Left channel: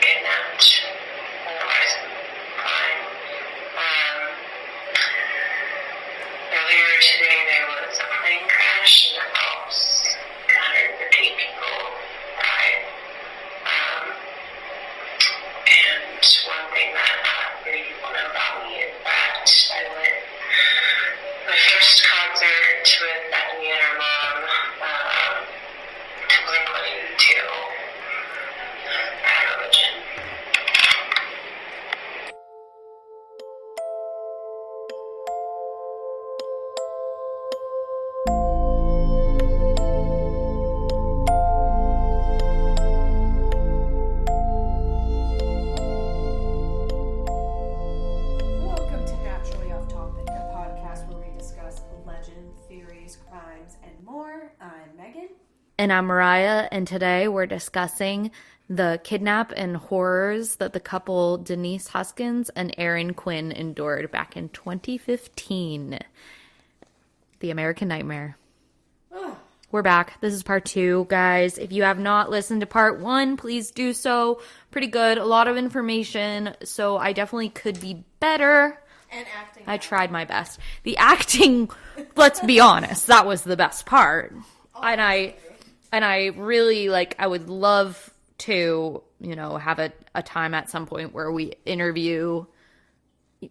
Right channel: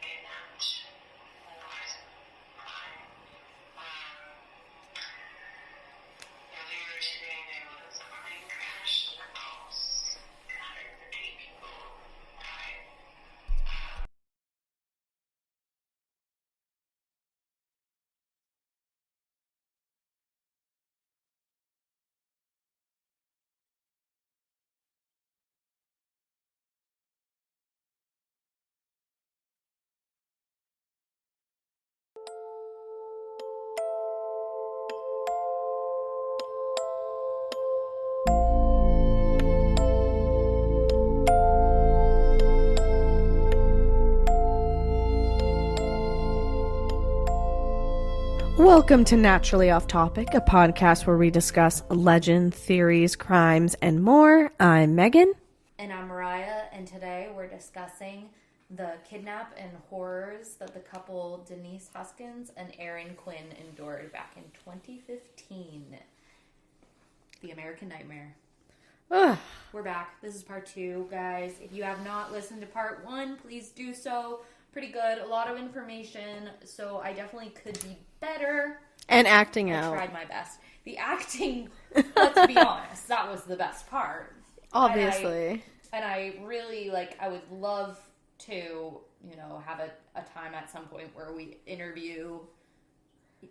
kidnapped. Otherwise, fine. Earlier today, there was a plane crash in the Alps. 150 people died. And one thing that not many people know about me is that I went my first concert with Bethany and her mom to Blink-182. Bad religion. Welcome to Naturally Off Topic, a podcast where we discuss legend, theories, crimes, and more. I'm Megan. And I'm Mariah, and today we're discussing the kidnap and horrors that the couple Denise Huskins and Aaron Quinn endured back in 2015. The American Nightmare. Ugh. We're back. This is part 2, guys. If you have not listened to part 1, please do so. Pretty good. A lot of information, so I definitely could be better. And acting I out. tried my best. The acting, let's be honest, that was the best part. Obviously. And I really, I would love to, have a time at some point where we interview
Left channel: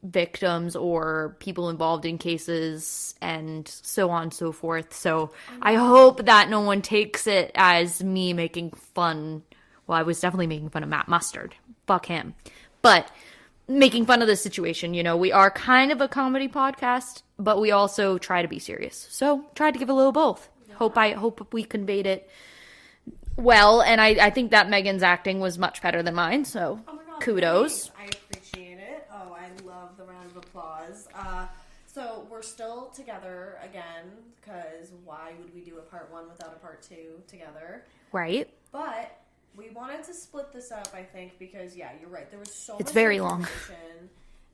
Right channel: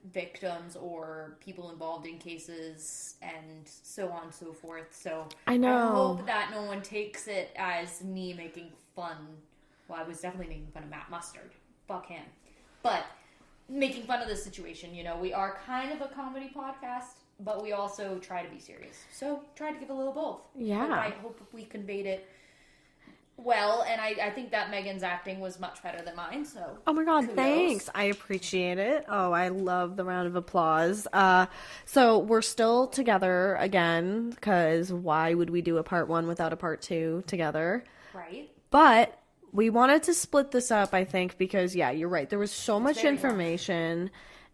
victims or people involved in cases and so on and so forth. So I hope that no one takes it as me making fun. Well, I was definitely making fun of Matt Mustard. Fuck him. But making fun of the situation, we are kind of a comedy podcast, but we also try to be serious. So try to give a little both. Yeah. Hope we conveyed it well, and I think that Megan's acting was much better than mine, so Oh my god, kudos. thanks. I appreciate it. Oh, I love the round of applause. So we're still together again, because why would we do a part 1 without a part 2 together? Right? But we wanted to split this up, I think, because, yeah, you're right. There was so much very long. information.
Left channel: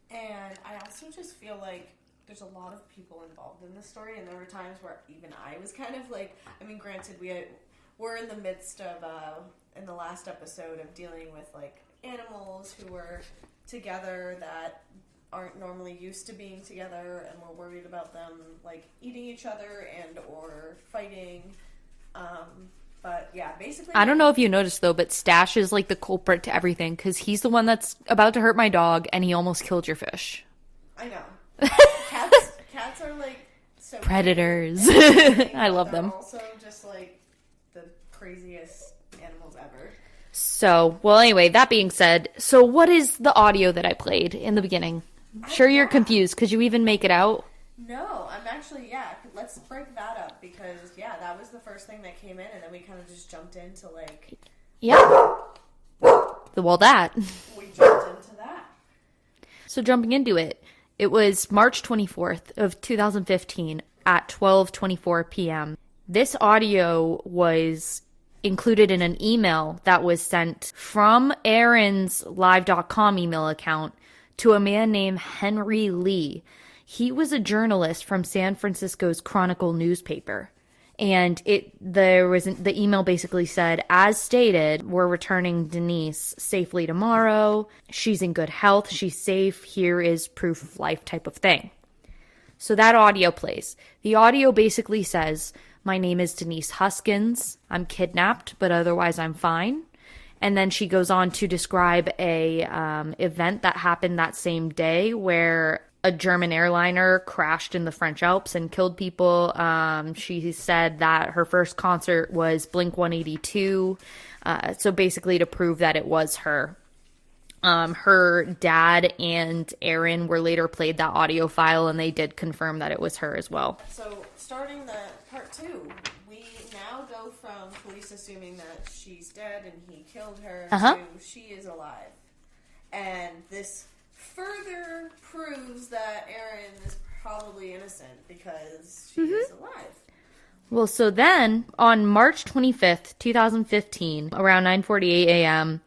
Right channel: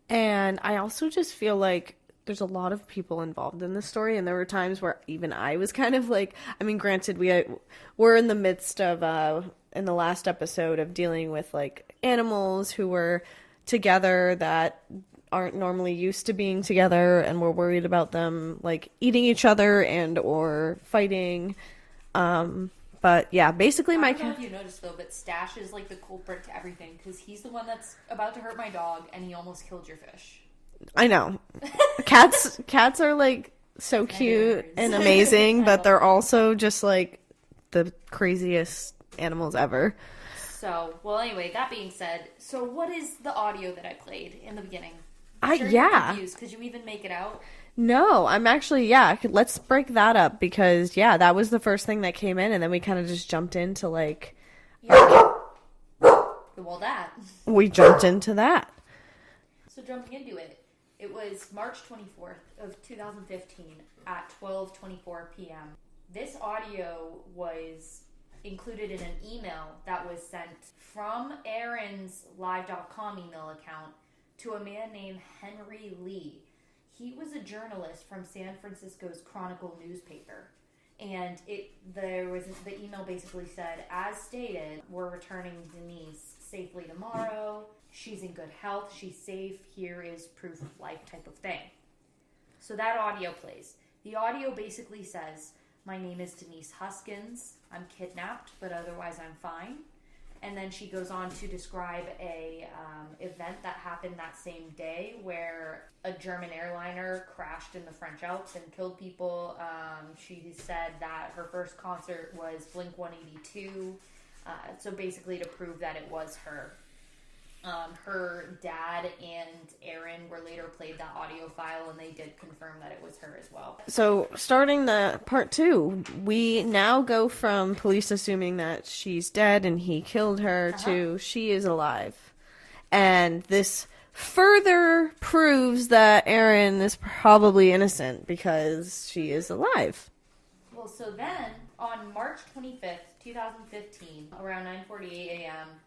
And I also just feel like there's a lot of people involved in this story. And there were times where even I was kind of granted, we're in the midst of, in the last episode, of dealing with, animals who were together that aren't normally used to being together. And we're worried about them, eating each other and or fighting. But yeah, basically, I don't know if you noticed though, but Stash is the culprit to everything because he's the one that's about to hurt my dog, and he almost killed your fish. I know. Cats are so Predators. cute and amazing, I but love they're them. also just the craziest animals ever. So, well, anyway, that being said, so what is the audio that I played in the beginning? I'm sure you're yeah. confused. Could you even make it out? No, I'm actually, let's break that up because, that was the first thing that came in, and then we kind of just jumped into, Yeah. Well, that. we jumped into that. So jumping into it, it was March 24th of 2015 at 12:24 p.m. This audio was included in an email that was sent from Aaron's live.com email account to a man named Henry Lee. He was a journalist from San Francisco's Chronicle newspaper. And the email basically said, as stated, we're returning Denise safely tomorrow. She's in good health. She's safe. Here is proof of life type of thing. So that audio plays. The audio basically says, my name is Denise Huskins. I'm kidnapped, but otherwise I'm fine. And then she goes on to describe a event that happened that same day where a German airliner crashed in the French Alps and killed people. She said that her first concert was Blink-182. So basically to prove that it was her. Her dad and Aaron were later played that audio file, and they did confirm that it was her as well. So starting the part 2, we now go from police assuming that she's dead and he killed her to she is alive. And this further proves that Aaron is probably innocent because she is alive. Well, so then on March 25th, 2015, around 9:48 a.m.,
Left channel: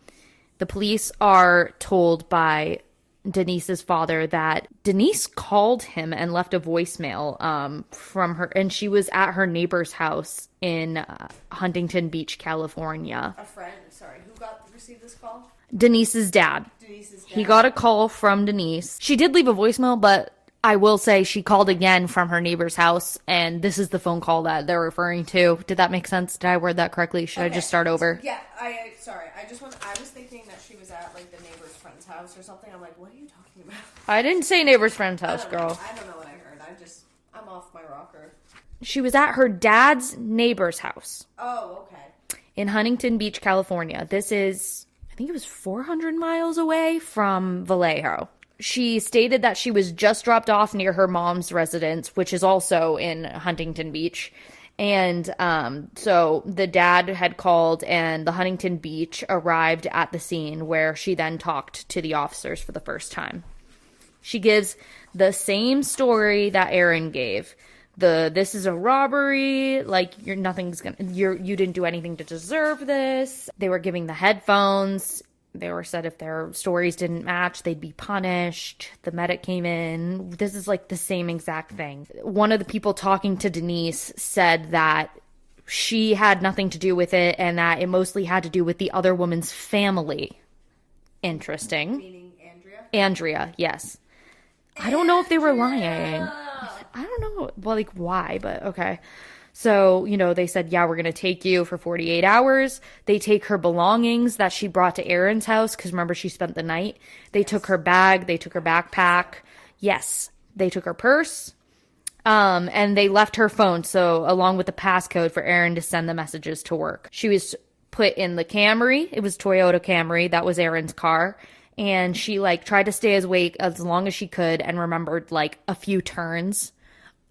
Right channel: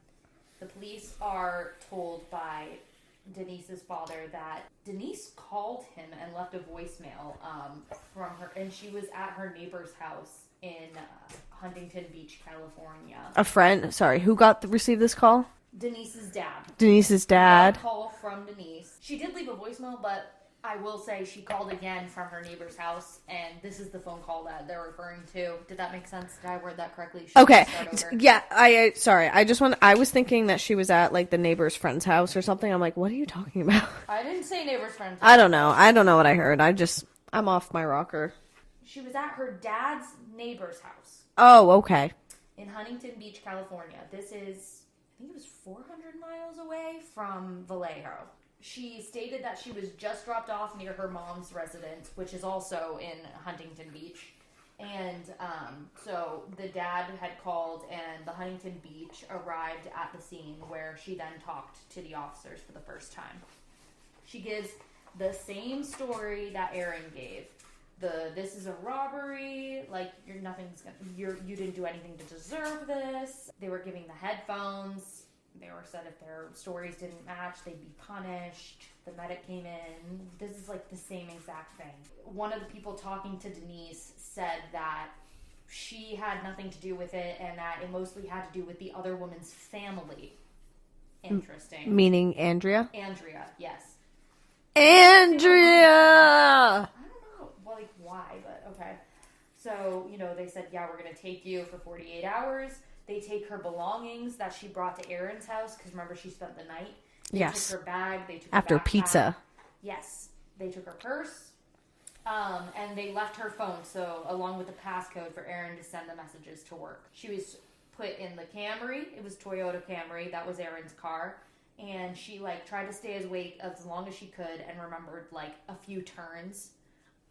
the police are told by Denise's father that Denise called him and left a voicemail from her, and she was at her neighbor's house in Huntington Beach, California. A friend, sorry, who received this call? Denise's dad. Denise's dad. He got a call from Denise. She did leave a voicemail, but I will say she called again from her neighbor's house, and this is the phone call that they're referring to. Did that make sense? Did I word that correctly? Should I just start over? Yeah, sorry. I was thinking that she was at, like, the neighbor's friend's house or something. I'm like, what are you talking about? I didn't say neighbor's friend's house. I don't know. I don't know what I heard. I'm off my rocker. She was at her dad's neighbor's house. Oh, okay. In Huntington Beach, California. This is, I think it was 400 miles away from Vallejo. She stated that she was just dropped off near her mom's residence, which is also in Huntington Beach. And so the dad had called, and the Huntington Beach arrived at the scene, where she then talked to the officers for the first time. She gives the same story that Aaron gave. This is a robbery, like, you didn't do anything to deserve this. They were giving the headphones. They were said if their stories didn't match, they'd be punished. The medic came in. This is like the same exact thing. One of the people talking to Denise said that she had nothing to do with it, and that it mostly had to do with the other woman's family. Interesting. Meaning Andrea? Andrea, yes. Andrea! I don't know if they were lying. I don't know, well, like, why, but okay. So, they said, yeah, we're going to take you for 48 hours. They take her belongings that she brought to Aaron's house, because remember, she spent the night. They took her bag. They took her backpack. Pizza. Yes. They took her purse. And they left her phone, so along with the passcode for Aaron to send the messages to work. She was put in the Camry. It was Toyota Camry. That was Aaron's car. And she, tried to stay awake as long as she could and remembered, a few turns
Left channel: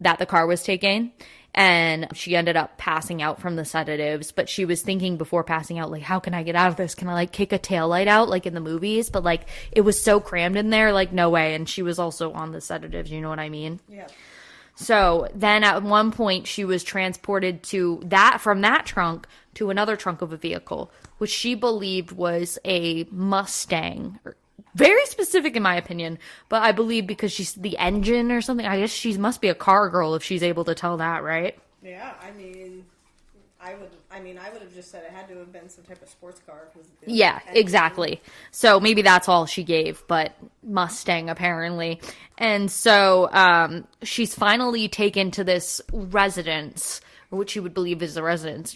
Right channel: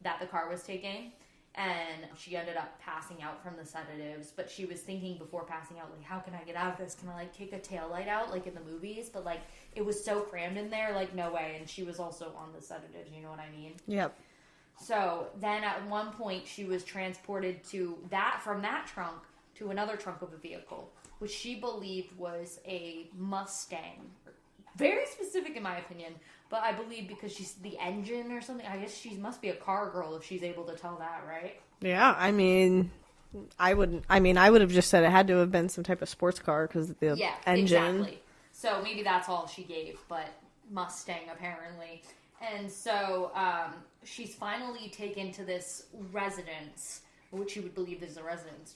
that the car was taking. And she ended up passing out from the sedatives, but she was thinking before passing out, how can I get out of this? Can I, kick a taillight out, in the movies? But, it was so crammed in there, no way. And she was also on the sedatives, you know what I mean? Yep. So then at one point, she was transported from that trunk to another trunk of a vehicle, which she believed was a Mustang. Very specific in my opinion, but I believe because she's the engine or something. I guess she must be a car girl if she's able to tell that, right? Yeah, I would have just said it had to have been some type of sports car because yeah, engine. Exactly. So maybe that's all she gave, but Mustang apparently. And so she's finally taken to this residence, which you would believe is a residence,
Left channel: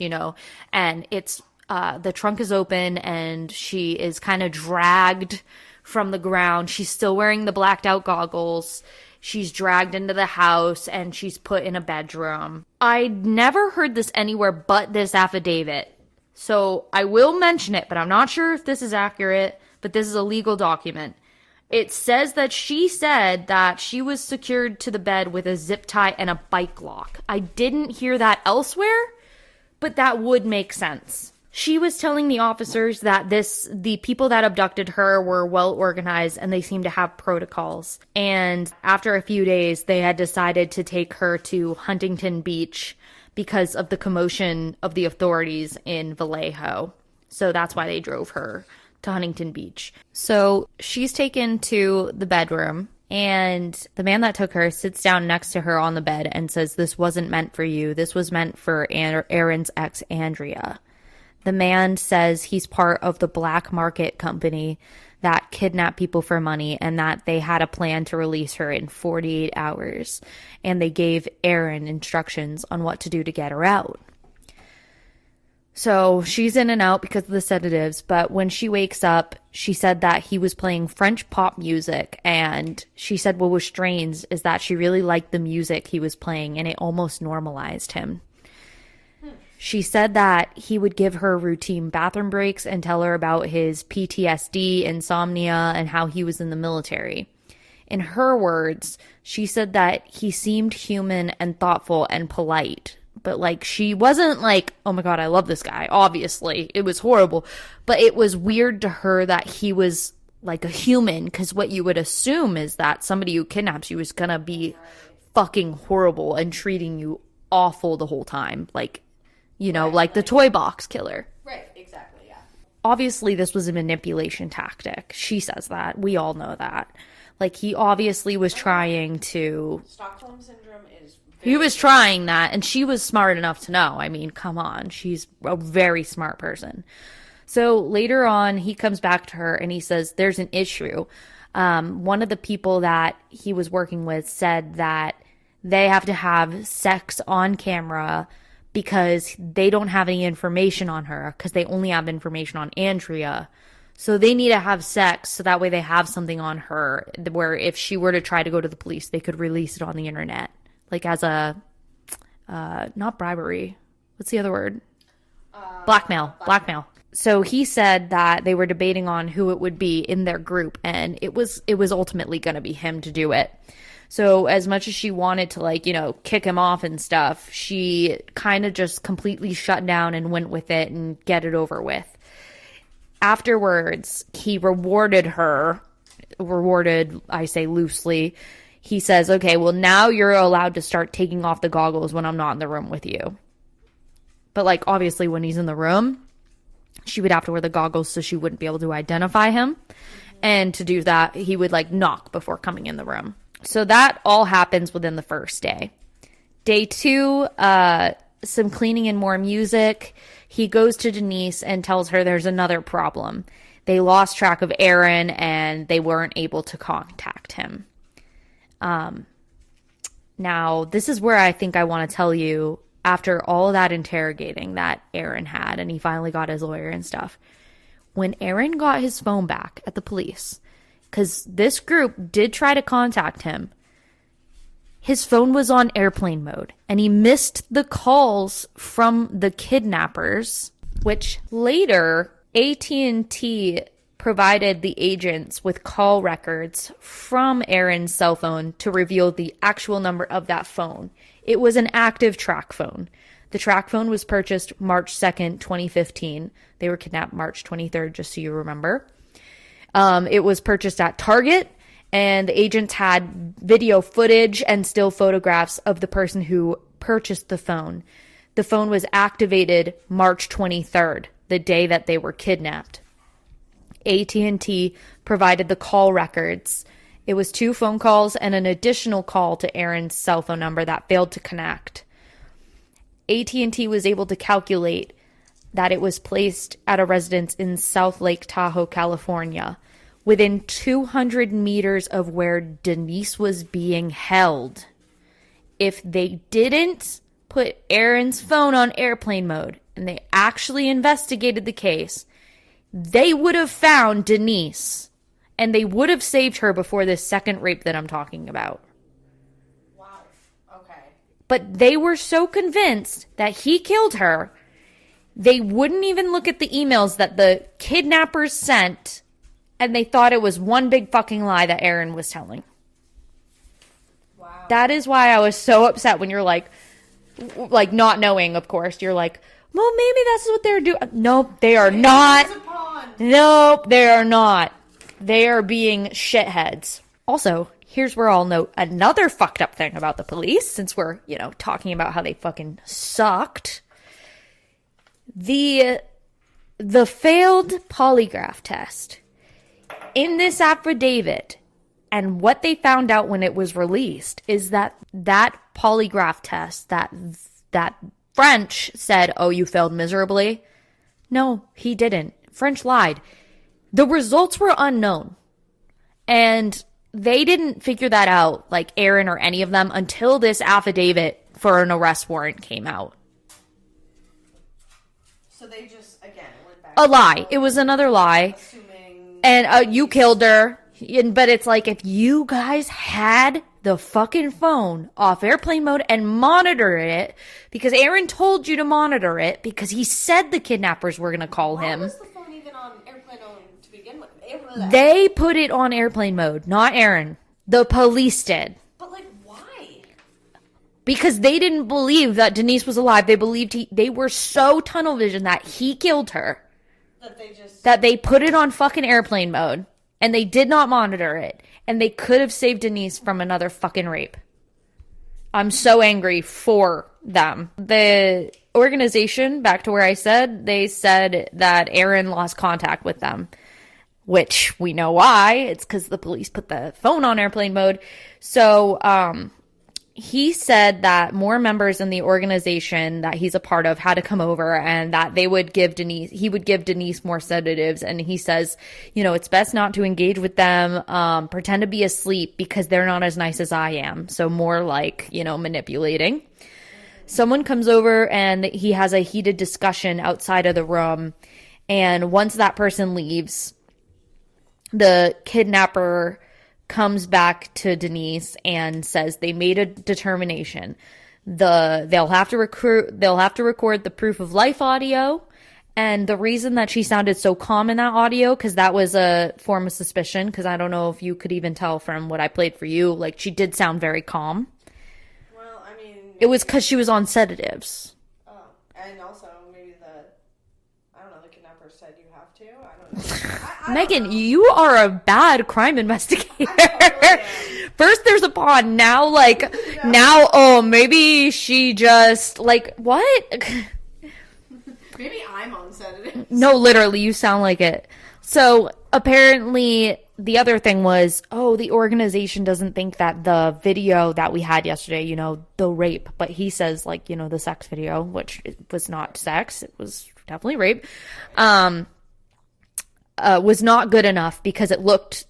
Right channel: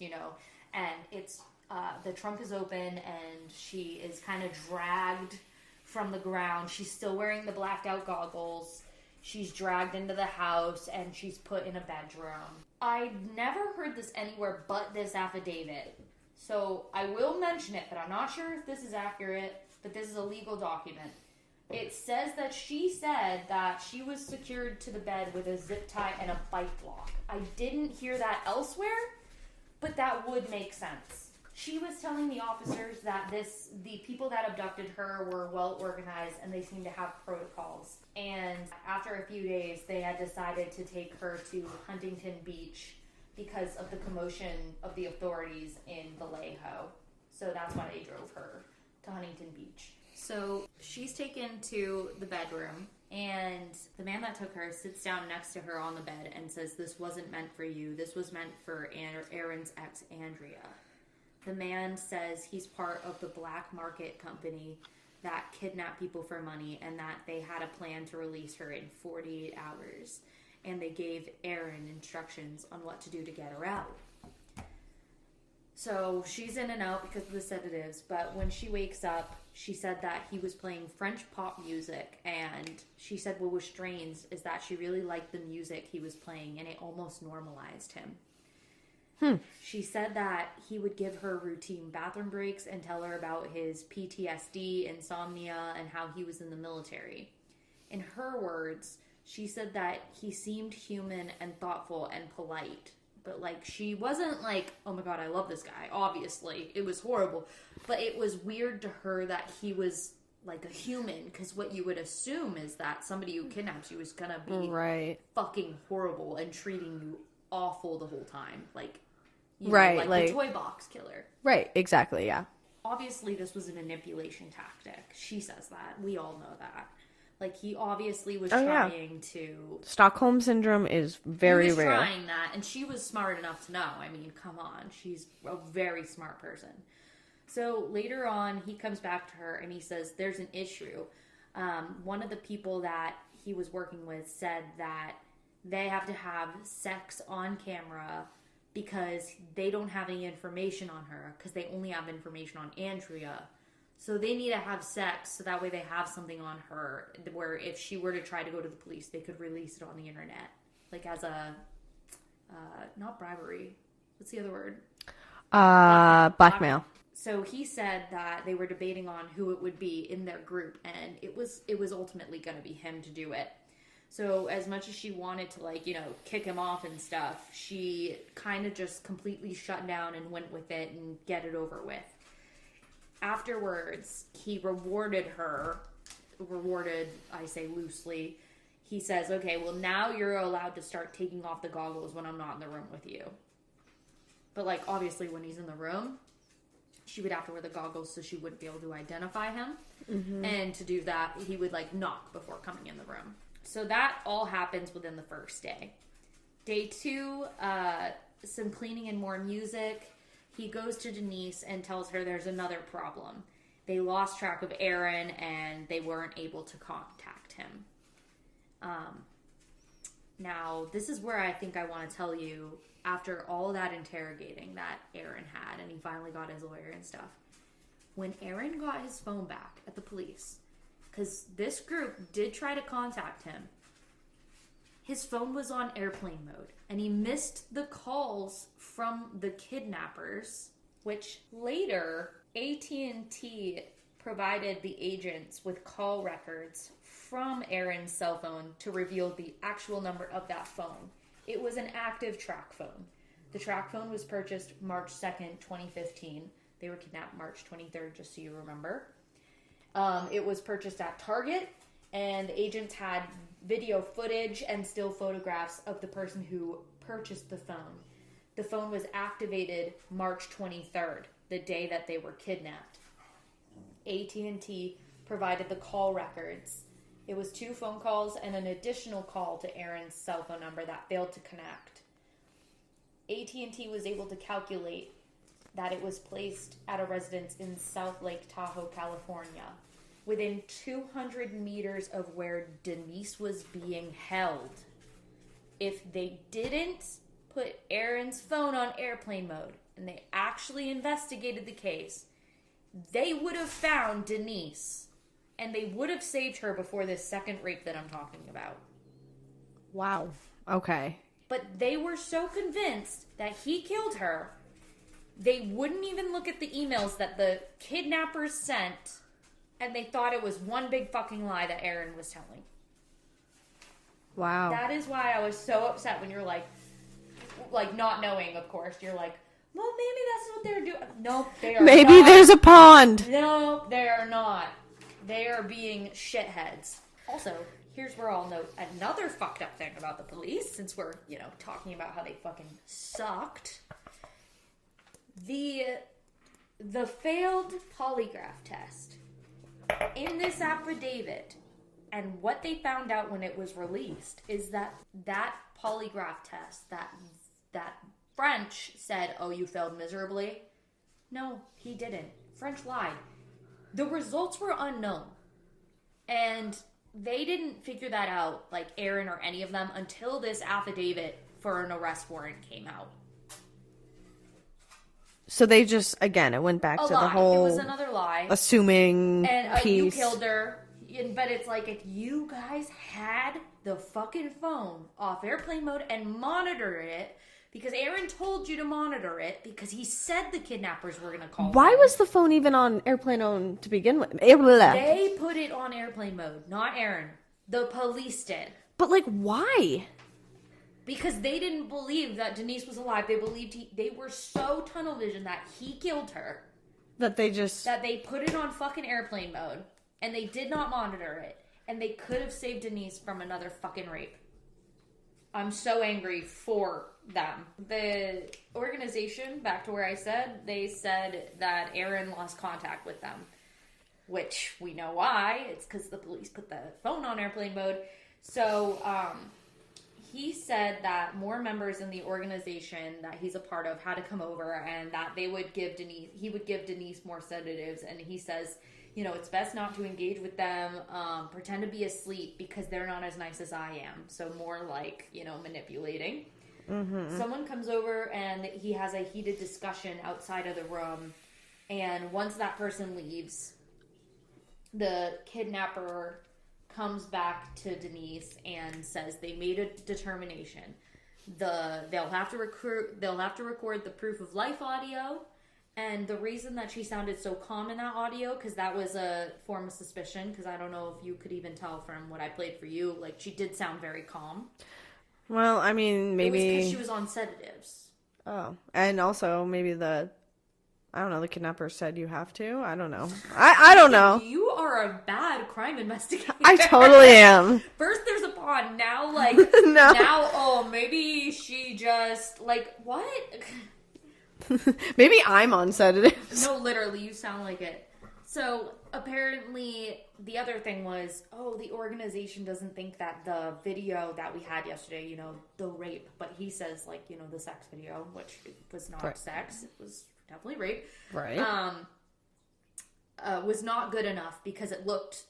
and it's the trunk is open and she is kind of dragged from the ground. She's still wearing the blacked out goggles. She's dragged into the house and she's put in a bedroom. I never heard this anywhere but this affidavit. So I will mention it, but I'm not sure if this is accurate, but this is a legal document. It says that she said that she was secured to the bed with a zip tie and a bike lock. I didn't hear that elsewhere, but that would make sense. She was telling the officers that the people that abducted her were well organized and they seemed to have protocols. And after a few days, they had decided to take her to Huntington Beach because of the commotion of the authorities in Vallejo. So that's why they drove her to Huntington Beach. So she's taken to the bedroom, and the man that took her sits down next to her on the bed and says, "This wasn't meant for you. This was meant for Aaron's ex, Andrea." The man says he's part of the black market company that kidnapped people for money and that they had a plan to release her in 48 hours. And they gave Aaron instructions on what to do to get her out. So she's in and out because of the sedatives. But when she wakes up, she said that he was playing French pop music. And she said what was strange is that she really liked the music he was playing and it almost normalized him. She said that he would give her routine bathroom breaks and tell her about his PTSD, insomnia, and how he was in the military. In her words, she said that he seemed human and thoughtful and polite. But, she wasn't like, oh my God, I love this guy. Obviously, it was horrible. But it was weird to her that he was like a human, because what you would assume is that somebody who kidnaps you is going to be fucking horrible and treating you awful the whole time. Like the toy box killer. Right, exactly, yeah. Obviously, this was a manipulation tactic. She says that. We all know that. He obviously was trying to... Stockholm Syndrome is very He was real. trying that, and she was smart enough to know. I mean, come on. She's a very smart person. So later on, he comes back to her and he says, there's an issue. One of the people that he was working with said that they have to have sex on camera because they don't have any information on her, because they only have information on Andrea. So they need to have sex so that way they have something on her where if she were to try to go to the police, they could release it on the internet. Like as a, not bribery. What's the other word? Blackmail. So he said that they were debating on who it would be in their group, and it was ultimately going to be him to do it. So as much as she wanted to, like, you know, kick him off and stuff, she kind of just completely shut down and went with it and get it over with. Afterwards, he rewarded, I say loosely. He says, okay, well, now you're allowed to start taking off the goggles when I'm not in the room with you. But, like, obviously when he's in the room, she would have to wear the goggles so she wouldn't be able to identify him. Mm-hmm. And to do that, he would, like, knock before coming in the room. So that all happens within the first day. Day 2, some cleaning and more music. He goes to Denise and tells her there's another problem. They lost track of Aaron and they weren't able to contact him. Now, this is where I think I want to tell you, after all that interrogating that Aaron had, and he finally got his lawyer and stuff, when Aaron got his phone back at the police, because this group did try to contact him, his phone was on airplane mode, and he missed the calls from the kidnappers, which later AT&T provided the agents with call records from Aaron's cell phone to reveal the actual number of that phone. It was an active track phone. The track phone was purchased March 2nd, 2015. They were kidnapped March 23rd, just so you remember. It was purchased at Target, and the agents had video footage and still photographs of the person who purchased the phone. The phone was activated March 23rd, the day that they were kidnapped. AT&T provided the call records. It was 2 phone calls and an additional call to Aaron's cell phone number that failed to connect. AT&T was able to calculate that it was placed at a residence in South Lake Tahoe, California, within 200 meters of where Denise was being held. If they didn't put Aaron's phone on airplane mode and they actually investigated the case, they would have found Denise and they would have saved her before this second rape that I'm talking about. Wow. Okay. But they were so convinced that he killed her, they wouldn't even look at the emails that the kidnappers sent, and they thought it was one big fucking lie that Aaron was telling. Wow. That is why I was so upset when you're like not knowing, of course. You're like, well, maybe that's what they're doing. Nope, they are maybe not. There's a pond. Nope, they are not. They are being shitheads. Also, here's where I'll note another fucked up thing about the police, since we're, talking about how they fucking sucked. The failed polygraph test. In this affidavit, and what they found out when it was released, is that polygraph test, that French said, oh, you failed miserably. No, he didn't. French lied. The results were unknown. And they didn't figure that out, like Aaron or any of them, until this affidavit for an arrest warrant came out. So they just, again, it went back to a lie. It was another lie. Assuming. And you killed her. But it's like, if you guys had the fucking phone off airplane mode and monitor it, because Aaron told you to monitor it because he said the kidnappers were going to call him. Why was the phone even on airplane mode to begin with? They put it on airplane mode, not Aaron. The police did. But, why? Because they didn't believe that Denise was alive. They believed they were so tunnel vision that he killed her. That they put it on fucking airplane mode. And they did not monitor it. And they could have saved Denise from another fucking rape. I'm so angry for them. The organization, back to where I said, they said that Aaron lost contact with them. Which we know why. It's because the police put the phone on airplane mode. So, he said that more members in the organization that he's a part of had to come over, and that he would give Denise more sedatives. And he says, it's best not to engage with them, pretend to be asleep because they're not as nice as I am. So more like, manipulating. Mm-hmm. Someone comes over and he has a heated discussion outside of the room. And once that person leaves, the kidnapper comes back to Denise and says they made a determination. They'll have to record the proof of life audio. And the reason that she sounded so calm in that audio, because that was a form of suspicion, because I don't know if you could even tell from what I played for you, like she did sound very calm. Well, I mean, maybe... It was because she was on sedatives. Oh, and also maybe the kidnapper said you have to. I don't know. I don't know. You are a bad crime investigator. I totally am. First there's a pawn. Now, now, maybe she just, what? Maybe I'm on sedatives. No, literally, you sound like it. So, apparently, the other thing was, the organization doesn't think that the video that we had yesterday, the rape, but he says, the sex video, which was not sex, it was definitely rape, right. Was not good enough because it looked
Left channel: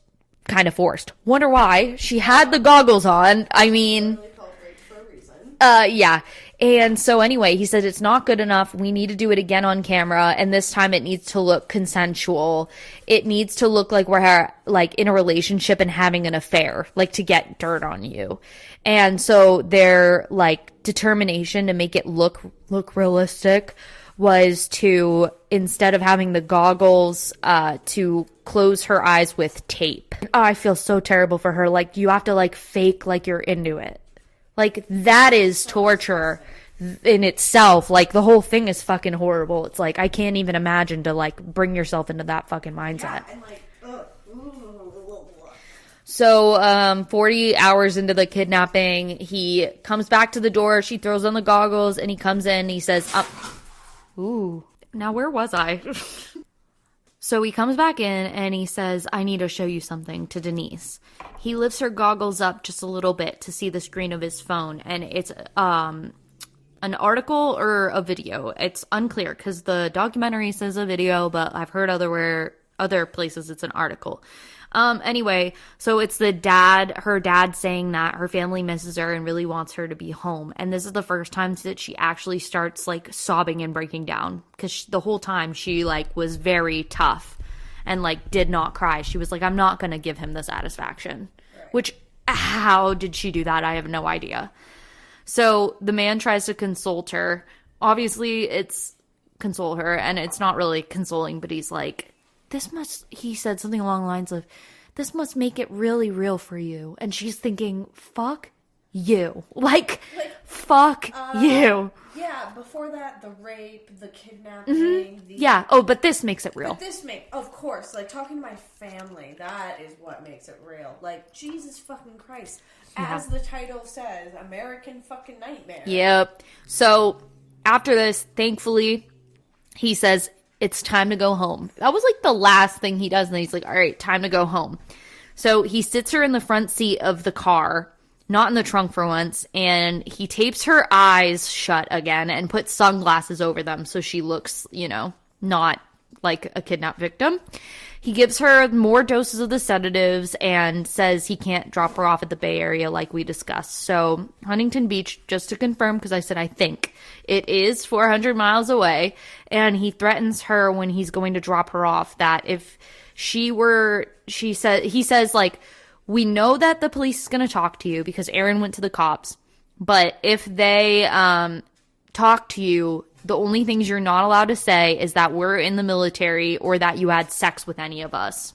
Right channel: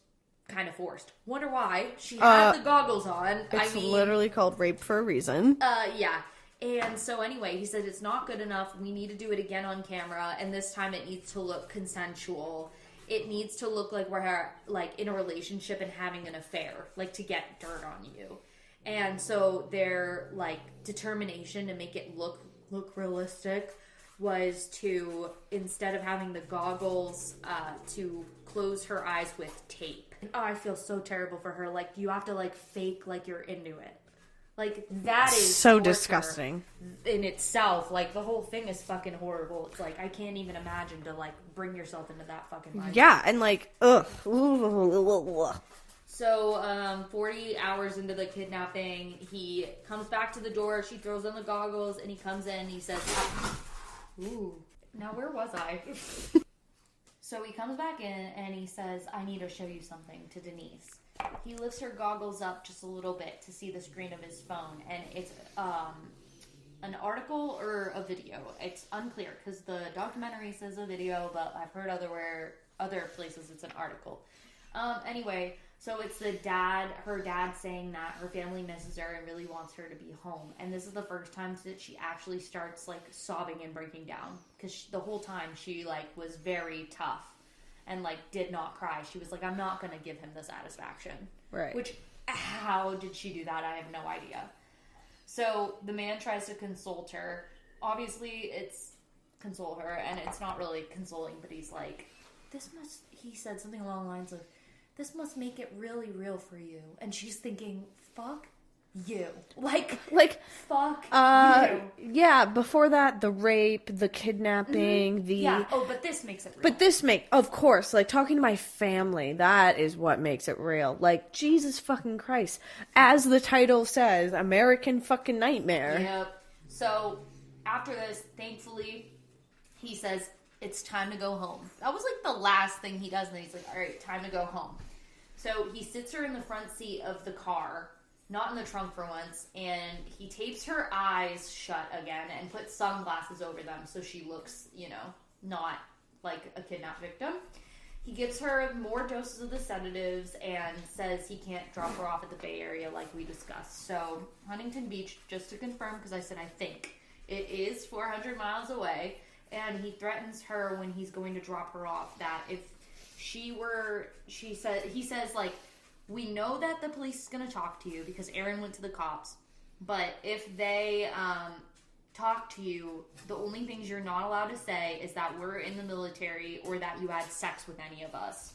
kind of forced. Wonder why. She had the goggles on. I mean, literally called rape for a reason. Yeah. And so anyway, he said it's not good enough. We need to do it again on camera, and this time it needs to look consensual. It needs to look like we're in a relationship and having an affair, to get dirt on you. And so their determination to make it look realistic was to, instead of having the goggles, to close her eyes with tape. Oh, I feel so terrible for her. You have to fake you're into it. That is so torture in itself. The whole thing is fucking horrible. It's I can't even imagine to bring yourself into that fucking mindset. Yeah, and ugh. So, 40 hours into the kidnapping, he comes back to the door. She throws on the goggles, and he comes in. And he says, ooh, now where was I? So he comes back in and he says, I need to show you something, to Denise. He lifts her goggles up just a little bit to see the screen of his phone. And it's an article or a video. It's unclear because the documentary says a video, but I've heard other places it's an article. Anyway, so it's her dad saying that her family misses her and really wants her to be home. And this is the first time that she actually starts sobbing and breaking down, because the whole time she was very tough and did not cry. She was I'm not going to give him the satisfaction. Right. Which, how did she do that? I have no idea. So the man tries to console her. Obviously it's console her, and it's not really consoling, but he's he said something along the lines of, this must make it really real for you. And she's thinking, fuck you. Fuck you. Yeah, before that, the rape, the kidnapping, the... Yeah, but this makes it real. But of course, talking to my family, that is what makes it real. Jesus fucking Christ. As the title says, American fucking nightmare. Yep. So, after this, thankfully, he says, it's time to go home. That was the last thing he does. And then he's all right, time to go home. So he sits her in the front seat of the car, not in the trunk for once. And he tapes her eyes shut again and puts sunglasses over them. So she looks, not like a kidnapped victim. He gives her more doses of the sedatives and says he can't drop her off at the Bay Area like we discussed. So Huntington Beach, just to confirm, because I said I think, it is 400 miles away. And he threatens her when he's going to drop her off that if he says, we know that the police is going to talk to you because Aaron went to the cops. But if they talk to you, the only things you're not allowed to say is that we're in the military or that you had sex with any of us.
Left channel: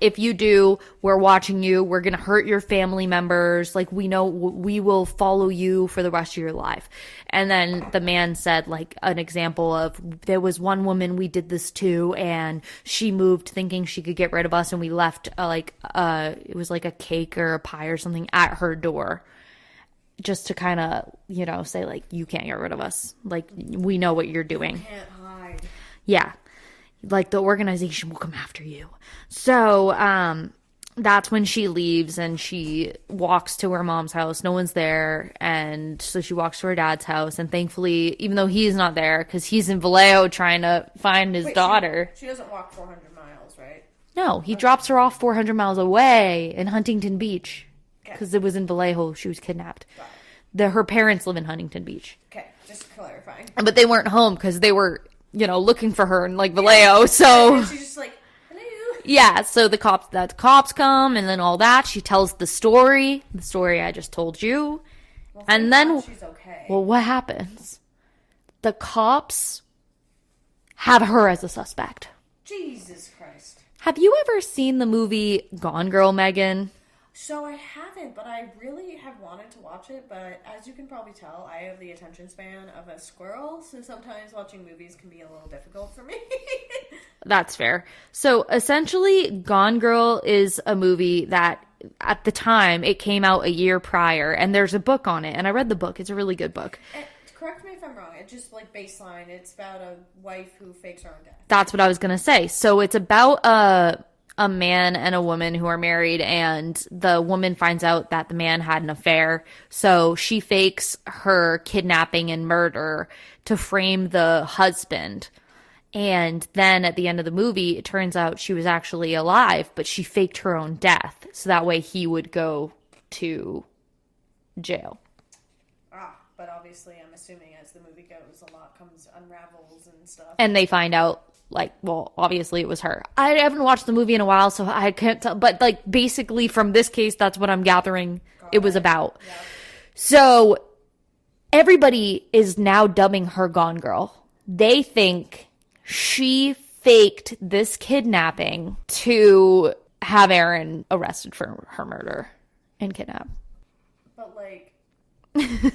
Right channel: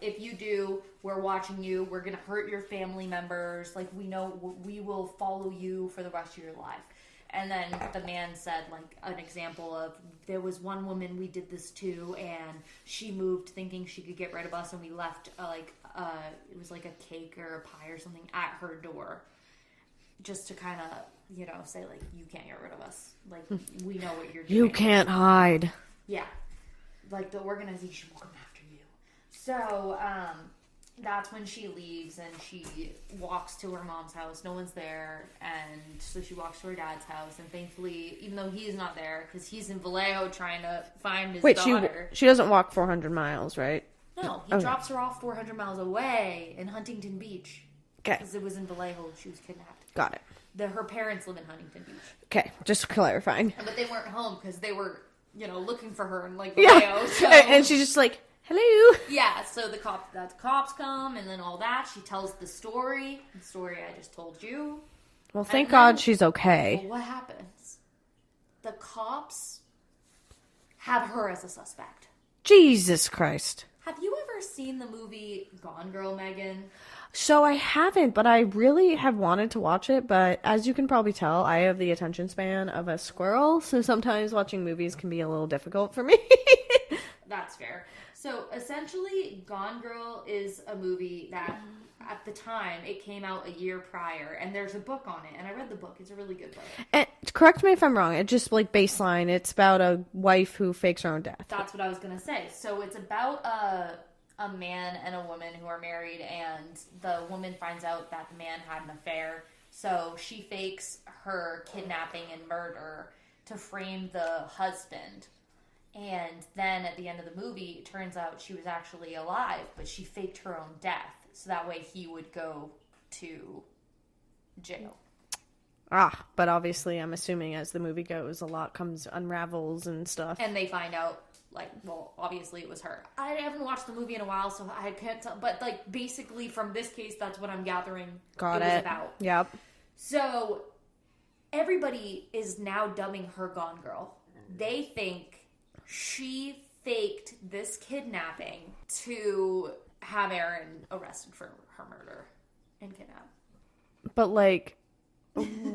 If you do, we're watching you. We're going to hurt your family members. We know we will follow you for the rest of your life. And then the man said, an example of, there was one woman we did this to, and she moved thinking she could get rid of us, and we left, it was a cake or a pie or something at her door. Just to kind of, say, you can't get rid of us. We know what you're doing. You can't hide. Yeah. The organization will come after you. So, that's when she leaves and she walks to her mom's house. No one's there. And so she walks to her dad's house. And thankfully, even though he's not there, because he's in Vallejo trying to find his daughter. She doesn't walk 400 miles, right? No, he drops her off 400 miles away in Huntington Beach. Because it was in Vallejo she was kidnapped. Got it. Her parents live in Huntington Beach. Okay, just clarifying. But they weren't home because they were, looking for her in, like, Vallejo. So and she's just like, hello. Yeah, so the cops come and then all that. She tells the story I just told you. Well, thank God she's okay. Well, what happens? The cops have her as a suspect. Jesus Christ. Have you ever seen the movie Gone Girl, Megan? So I haven't, but I really have wanted to watch it. But as you can probably tell, I have the attention span of a squirrel. So sometimes watching movies can be a little difficult for me. That's fair. So essentially, Gone Girl is a movie that at the time it came out a year prior, and there's a book on it. And I read the book. It's a really good book. And correct me if I'm wrong. It's just like baseline. It's about a wife who fakes her own death. That's what I was going to say. So it's about a man and a woman who are married, and the woman finds out that the man had an affair. So she fakes her kidnapping and murder to frame the husband. And then at the end of the movie, it turns out she was actually alive, but she faked her own death. So that way he would go to jail. But obviously I'm assuming as the movie goes, a lot unravels and stuff. And they find out, like, well, obviously it was her. I haven't watched the movie in a while, so I can't tell. But, like, basically from this case, that's what I'm gathering it was about. Yep. So everybody is now dubbing her Gone Girl. They think she faked this kidnapping to have Aaron arrested for her murder and kidnap. But, like,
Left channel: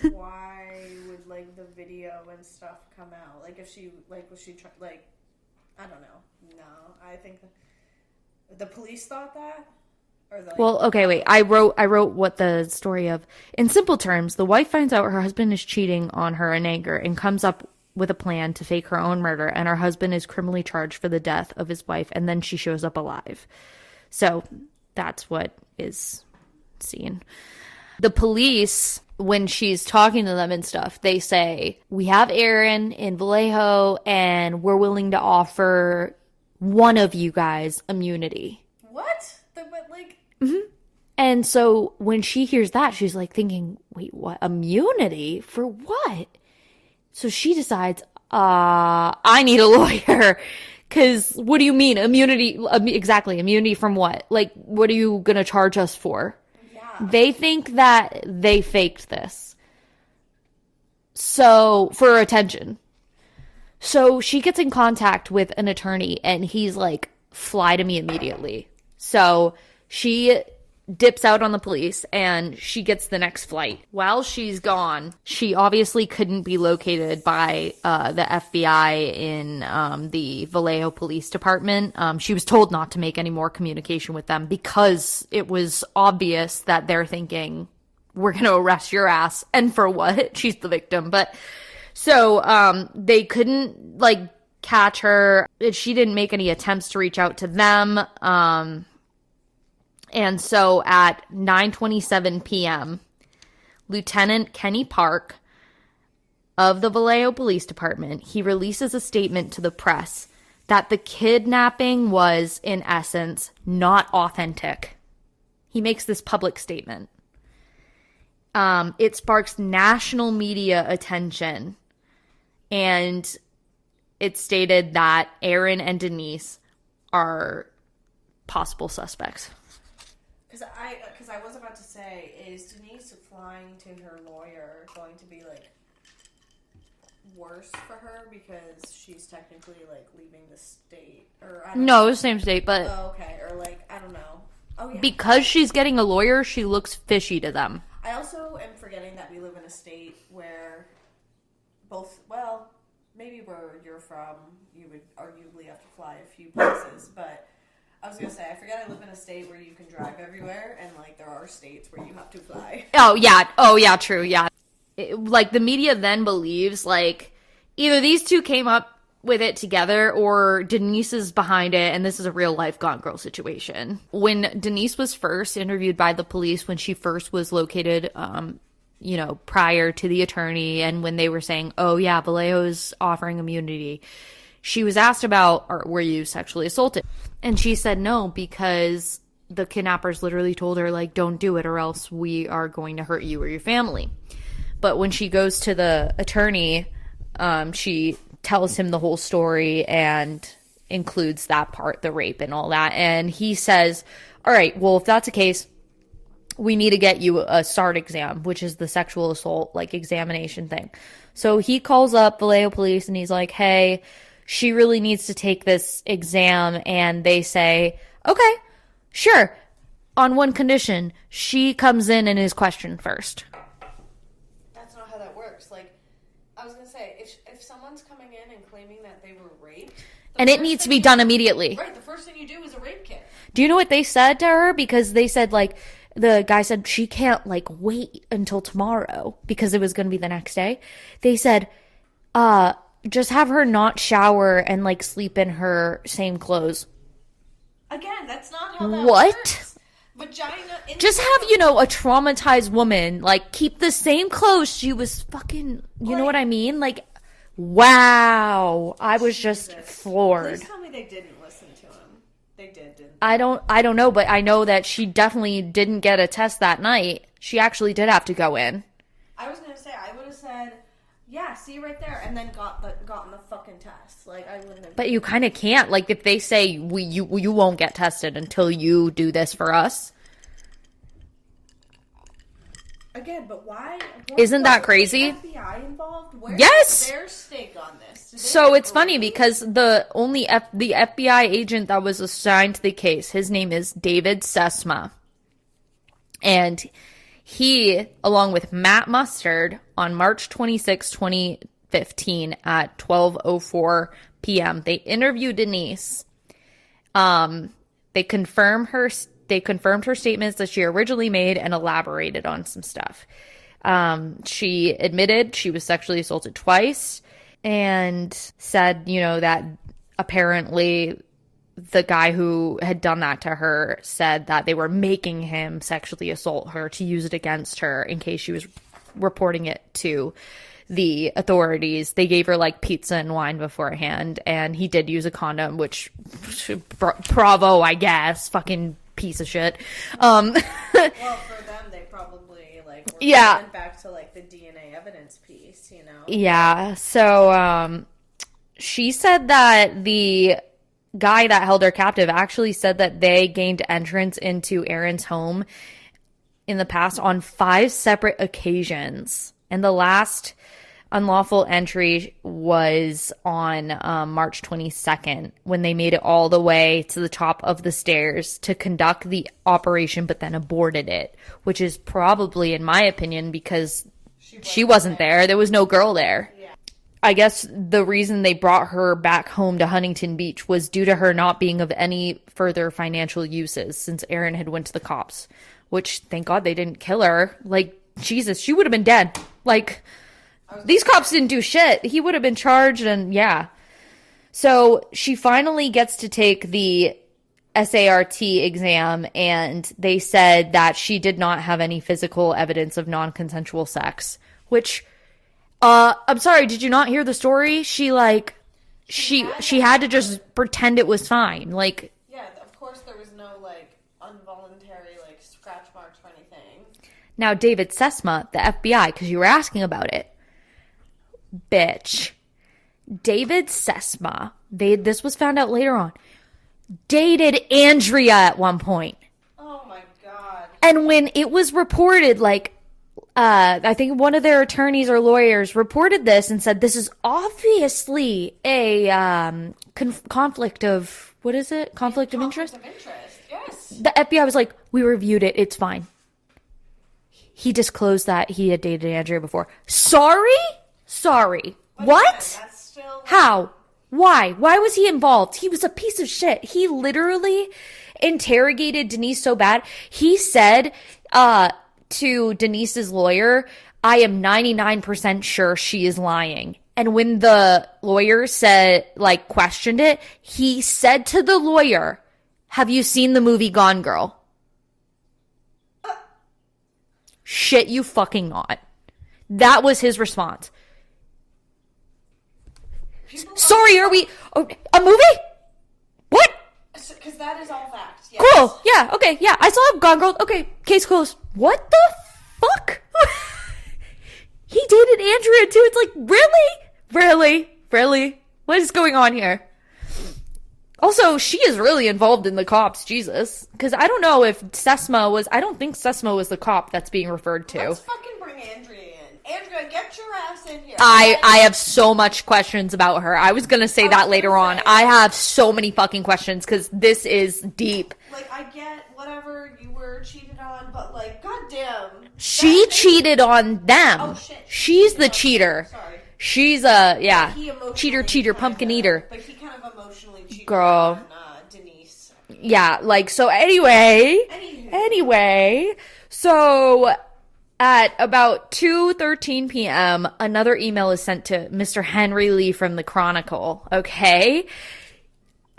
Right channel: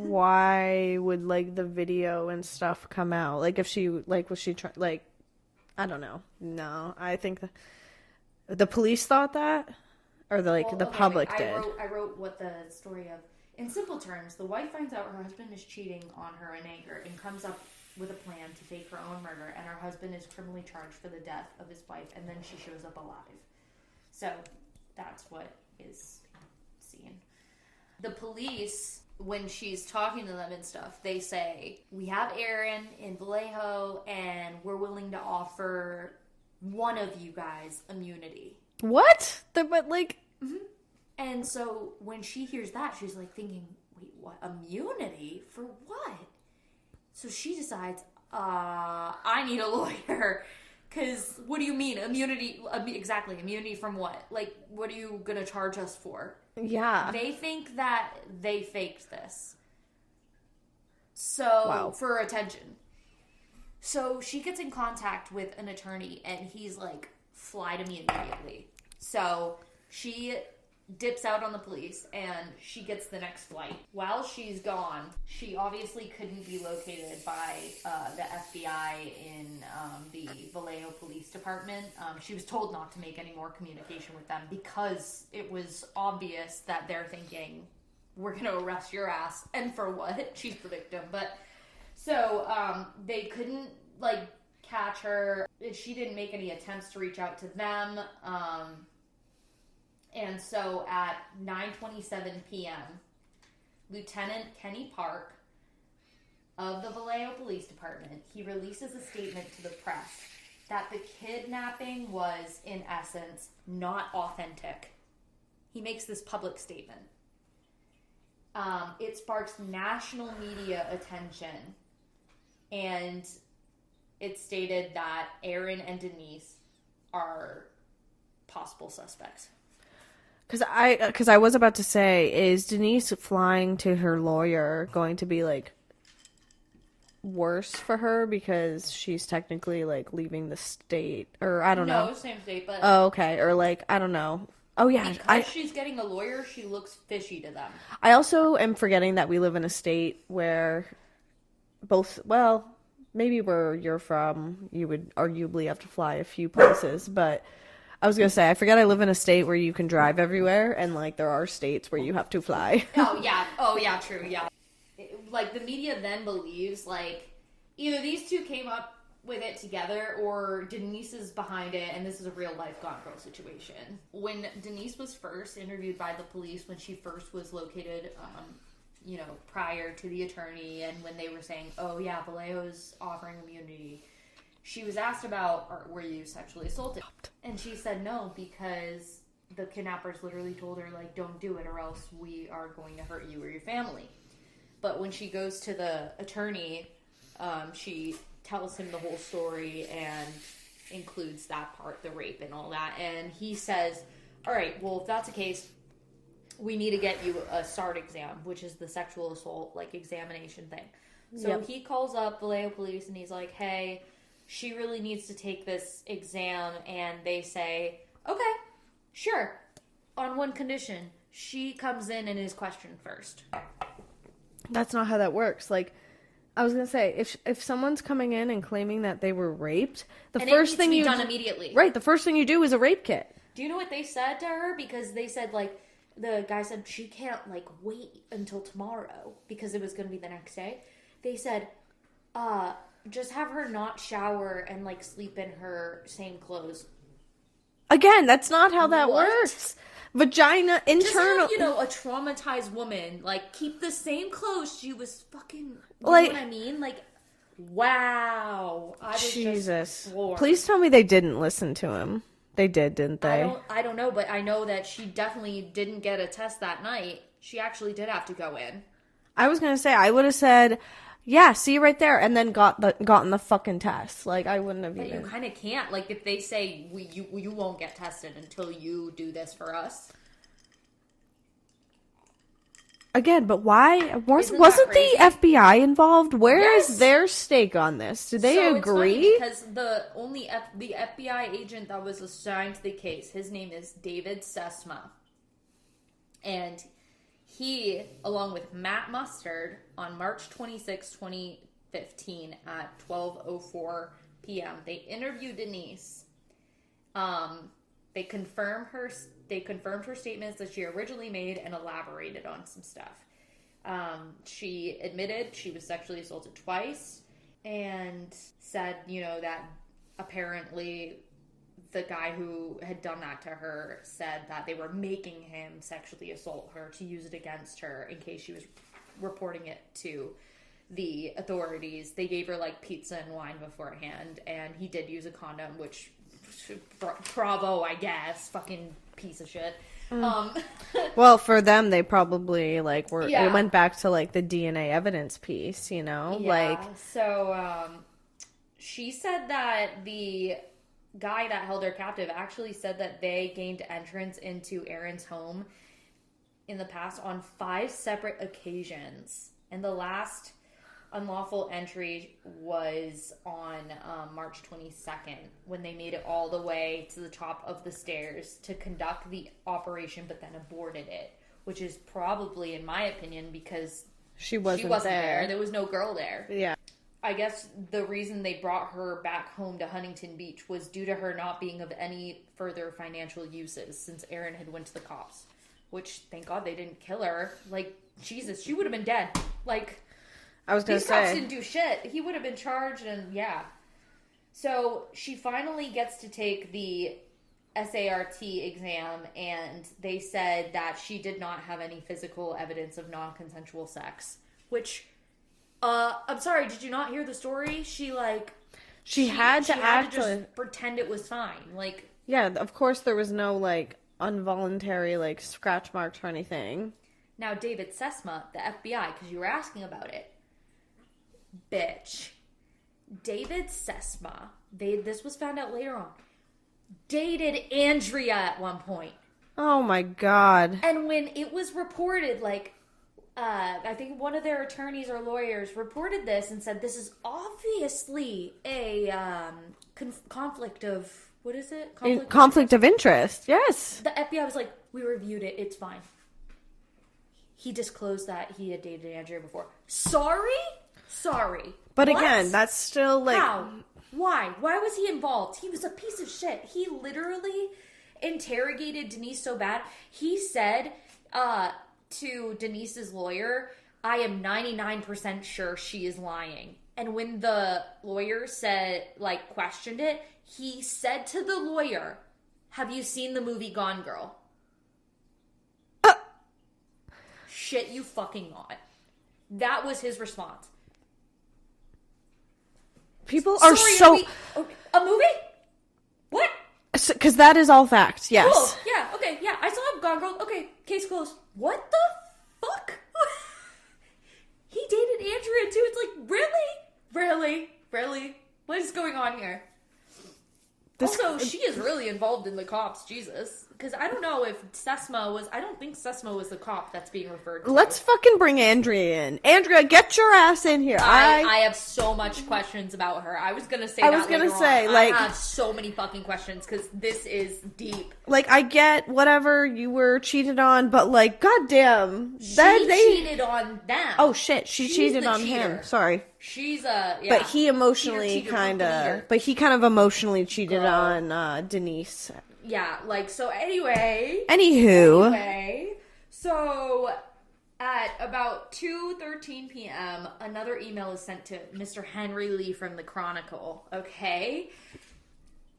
why would, like, the video and stuff come out? Like, if she, like, was she trying, like, I don't know. No, I think the police thought that, or the, like, well, the okay, wait. public I wrote what the story of. In simple terms, the wife finds out her husband is cheating on her in anger and comes up with a plan to fake her own murder, and her husband is criminally charged for the death of his wife, and then she shows up alive. So that's what is seen. The police, when she's talking to them and stuff, they say, we have Aaron in Vallejo, and we're willing to offer one of you guys immunity. What? But, like... Mm-hmm. And so when she hears that, she's like thinking, wait, what? Immunity? For what? So she decides, I need a lawyer. Because what do you mean? Immunity? Exactly. Immunity from what? Like, what are you going to charge us for? Yeah. They think that they faked this. So, for attention. So she gets in contact with an attorney, and he's like, fly to me immediately. So she dips out on the police, and she gets the next flight. While she's gone, she obviously couldn't be located by the FBI in the Vallejo Police Department. She was told not to make any more communication with them because it was obvious that they're thinking, we're going to arrest your ass. And for what? She's the victim. But so they couldn't, like, catch her. She didn't make any attempts to reach out to them. And so at 9:27 p.m., Lieutenant Kenny Park of the Vallejo Police Department, he releases a statement to the press that the kidnapping was, in essence, not authentic. He makes this public statement. It sparks national media attention, and it stated that Aaron and Denise are possible suspects. Because I was about to say, is Denise flying to her lawyer going to be, like, worse for her because she's technically, like, leaving the state? Or I don't know. No, it's the same state, but... Oh, okay. Or, like, I don't know. Oh, yeah. Because she's getting a lawyer, she looks fishy to them. I also am forgetting that we live in a state where well, maybe where you're from, you would arguably have to fly a few places, but... I was going to say, I forget I live in a state where you can drive everywhere, and, like, there are states where you have to fly. Oh, yeah, true, yeah. Like, the media then believes, like, either these two came up with it together, or Denise is behind it and this is a real life Gone Girl situation. When Denise was first interviewed by the police, when she first was located, prior to the attorney, and when they were saying, oh yeah, Vallejo's offering immunity, she was asked about, were you sexually assaulted? And she said no, because the kidnappers literally told her, like, don't do it or else we are going to hurt you or your family. But when she goes to the attorney, she tells him the whole story and includes that part, the rape and all that. And he says, all right, well, if that's the case, we need to get you a SART exam, which is the sexual assault, like, examination thing. So he calls up Vallejo police and he's like, hey, she really needs to take this exam. And they say, okay, sure. On one condition, she comes in and is questioned first. That's not how that works. I was going to say, if someone's coming in and claiming that they were raped... And it needs to be done immediately. Right, the first thing you do is a rape kit. Do you know what they said to her? Because they said, the guy said she can't, wait until tomorrow because it was going to be the next day. They said, just have her not shower and, sleep in her same clothes. Again, that's not how that works. Vagina, internal... Just have, a traumatized woman, keep the same clothes she was fucking... You know what I mean? Wow. I was just floored. Please tell me they didn't listen to him. They did, didn't they? I don't know, but I know that she definitely didn't get a test that night. She actually did have to go in. I was going to say, I would have said... Yeah, see you right there, and then gotten the fucking test. I wouldn't have. But you kind of can't. If they say you won't get tested until you do this for us. Again, but why? Isn't that crazy? The FBI involved? Where is their stake on this? Did they agree? It's funny because the FBI agent that was assigned to the case, his name is David Sesma, and he, along with Matt Mustard, on March 26, 2015 at 12:04 p.m., they interviewed Denise. They confirmed her statements that she originally made and elaborated on some stuff. She admitted she was sexually assaulted twice and said, that apparently the guy who had done that to her said that they were making him sexually assault her to use it against her in case she was reporting it to the authorities. They gave her pizza and wine beforehand, and he did use a condom, which bravo, I guess. Fucking piece of shit. Well, for them, they probably they went back to the DNA evidence piece, Yeah. So she said that the guy that held her captive actually said that they gained entrance into Aaron's home in the past on 5 separate occasions. And the last unlawful entry was on March 22nd, when they made it all the way to the top of the stairs to conduct the operation, but then aborted it, which is probably, in my opinion, because she wasn't there. There was no girl there. Yeah. I guess the reason they brought her back home to Huntington Beach was due to her not being of any further financial uses since Aaron had went to the cops, which, thank God they didn't kill her. Jesus, she would have been dead. These cops didn't do shit. He would have been charged, and yeah. So she finally gets to take the SART exam, and they said that she did not have any physical evidence of non-consensual sex, which... I'm sorry, did you not hear the story? She had to just pretend it was fine. Yeah, of course there was no, involuntary, scratch marks or anything. Now, David Sesma, the FBI, because you were asking about it. Bitch. David Sesma, this was found out later on, dated Andrea at one point. Oh, my God. And when it was reported, I think one of their attorneys or lawyers reported this and said, this is obviously a conflict of, what is it? Conflict of interest. Yes. The FBI was like, we reviewed it. It's fine. He disclosed that he had dated Andrea before. Sorry. But what? Again, that's still How? Why? Why was he involved? He was a piece of shit. He literally interrogated Denise so bad. He said, to Denise's lawyer, I am 99% sure she is lying. And when the lawyer said, like, questioned it, he said to the lawyer, "Have you seen the movie Gone Girl?" Shit, you fucking not. That was his response. People are Sorry, so... are we... a movie? What? Because that is all fact, yes. Cool. Yeah, okay, yeah. I saw Gone Girl. Okay, case closed. What the fuck? He dated Andrea, too. It's like, really? What is going on here? Also, she is really involved in the cops, Jesus. Because I don't know if Sesma was... I don't think Sesma was the cop that's being referred to. Let's fucking bring Andrea in. Andrea, get your ass in here. I have so much questions about her. I was going to say that later on. I have so many fucking questions because this is deep. Like, I get whatever you were cheated on, but, like, goddamn. She cheated on them. Oh, shit. She's the cheater. Him. Sorry. She's a, yeah. But he emotionally cheater, pumpkin eater. But he kind of emotionally cheated on Denise. Yeah, like, so anyway. Anyway. So at about 2:13 p.m., another email is sent to Mr. Henry Lee from the Chronicle, okay?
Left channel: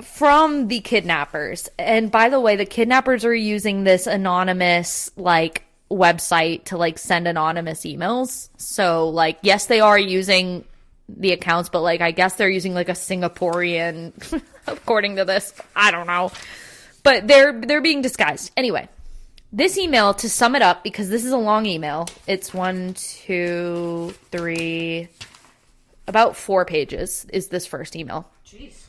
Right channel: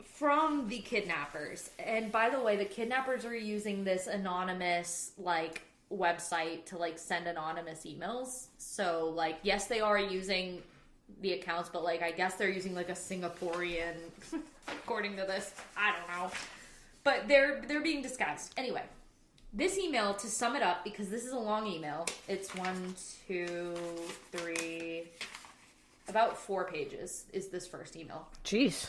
From the kidnappers. And by the way, the kidnappers are using this anonymous, like, website to, like, send anonymous emails. So, like, yes, they are using the accounts, but, like, I guess they're using, like, a Singaporean, according to this. I don't know. But they're being disguised. Anyway, this email, to sum it up, because this is a long email, it's 1, 2, 3, about 4 pages is this first email. Jeez.